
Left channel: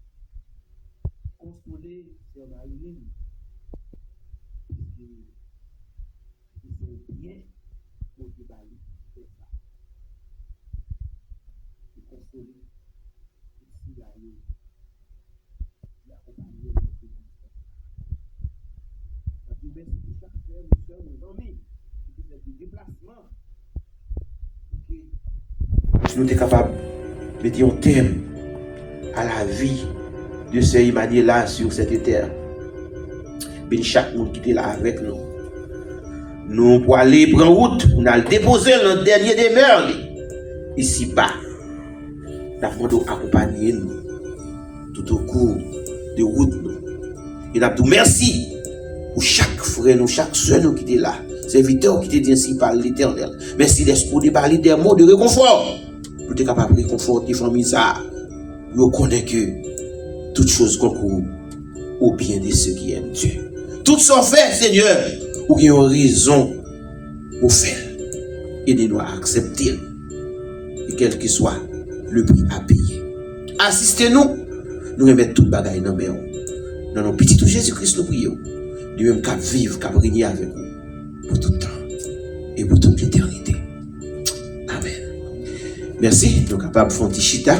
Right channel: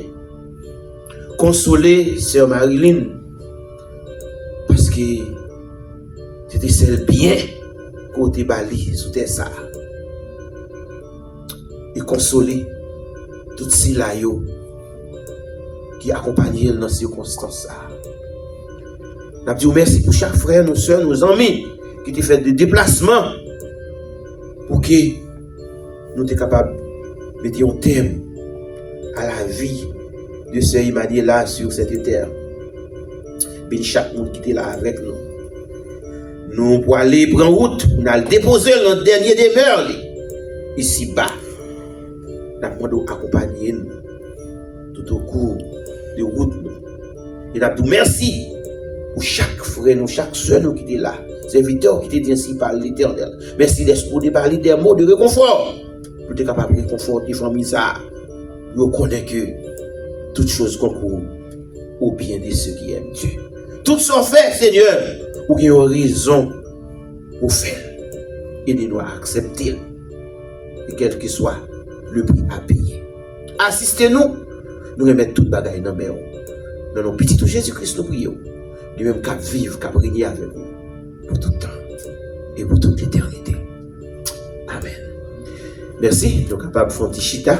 Consoler sœur Marilyn. Parce que c'était celle bien côté Bali sous terre ça. Et consoler tout ces là qui accompagnent dans ces circonstances. Nous disons merci pour chaque frère, nos soeurs, nos amis qui ont fait des déplacements pour que nous soyons capables de mettre un thème à la vie de ce Imadiela sur cette terre. Mais chaque monde qui était là avec nous. Nous pour aller prendre route, nous allons déposer le dernier demeure ici bas. Nous avons accompagner nous tout au cours de route. Et nous disons merci pour chaque frère, nous, chaque soeur nous qui était là. Serviteur qui était dit ainsi par l'Éternel. Merci d'esprit de parler des mots de réconfort. Pour être capable de réconforter les familles. Nous connaissons que toutes choses concourent au bien de ceux qui aiment Dieu. Tout sont fait, Seigneur, ou qui ont raison ou faire. Aidez-nous à accepter. Et quel que soit le prix à payer. Assistez-nous. Nous remettons toute bagaille dans nos mains. Dans nos petits tout Jésus-Christ, nous prions. De même qu'à vivre, qu'à régner avec nous. Pour tout le temps. Et pour toute l'éternité. Amen. Merci. Nous sommes capables de faire un petit chita.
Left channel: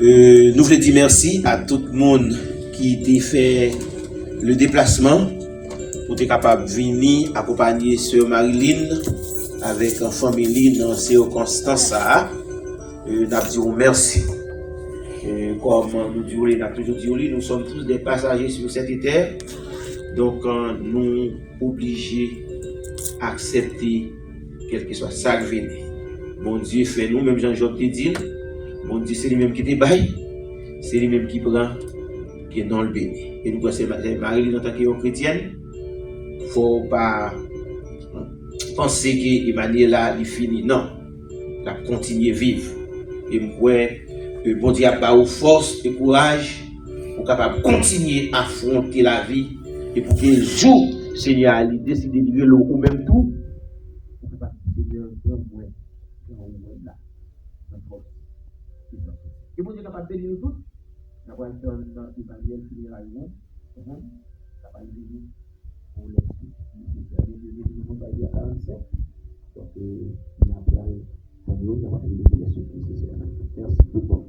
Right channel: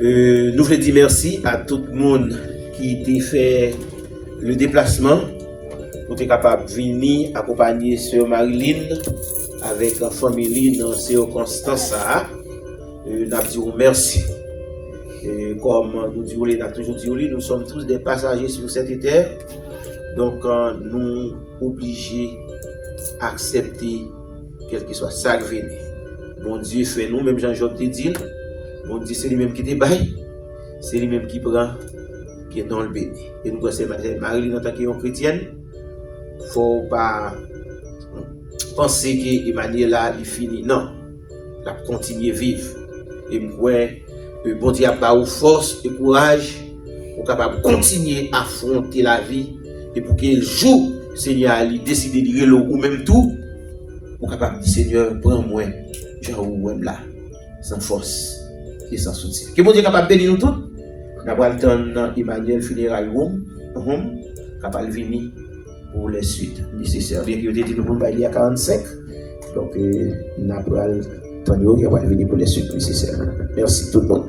Nous voulons dire merci à tout le monde qui a fait le déplacement pour être capable de venir accompagner Sœur Marilyn avec la famille dans ces circonstances. Nous disons merci. Comme nous disons, nous sommes tous des passagers sur cette terre. Donc nous obligés d'accepter quel que soit ça qui vient. Bon Dieu fait nous, même Jean-Job te dit. Bon Dieu, c'est lui-même qui te baille, c'est lui-même qui prend, qui est dans le béni. Et nous pensons que Marilyn, en tant que chrétienne, il ne faut pas penser qu'Emmanuel là, il finit. Non, il a continué à vivre. Et je crois que bon Dieu a pas de force et courage pour capable continuer à affronter la vie et pour qu'il joue, Seigneur, il décide de dire ou même tout, pour capable dire Seigneur, prends-moi, Jean-Ouem là, sans force. Et sans soutien. Que bon Dieu capable de bénir nous tous. Nous avons le temps dans Emmanuel Funeral Room, capable de venir pour les suites nécessaires. Bien qu'il y ait dit nous pour il y a 45. Donc, nous avons le temps de venir pour les suites nécessaires. Merci tout le monde.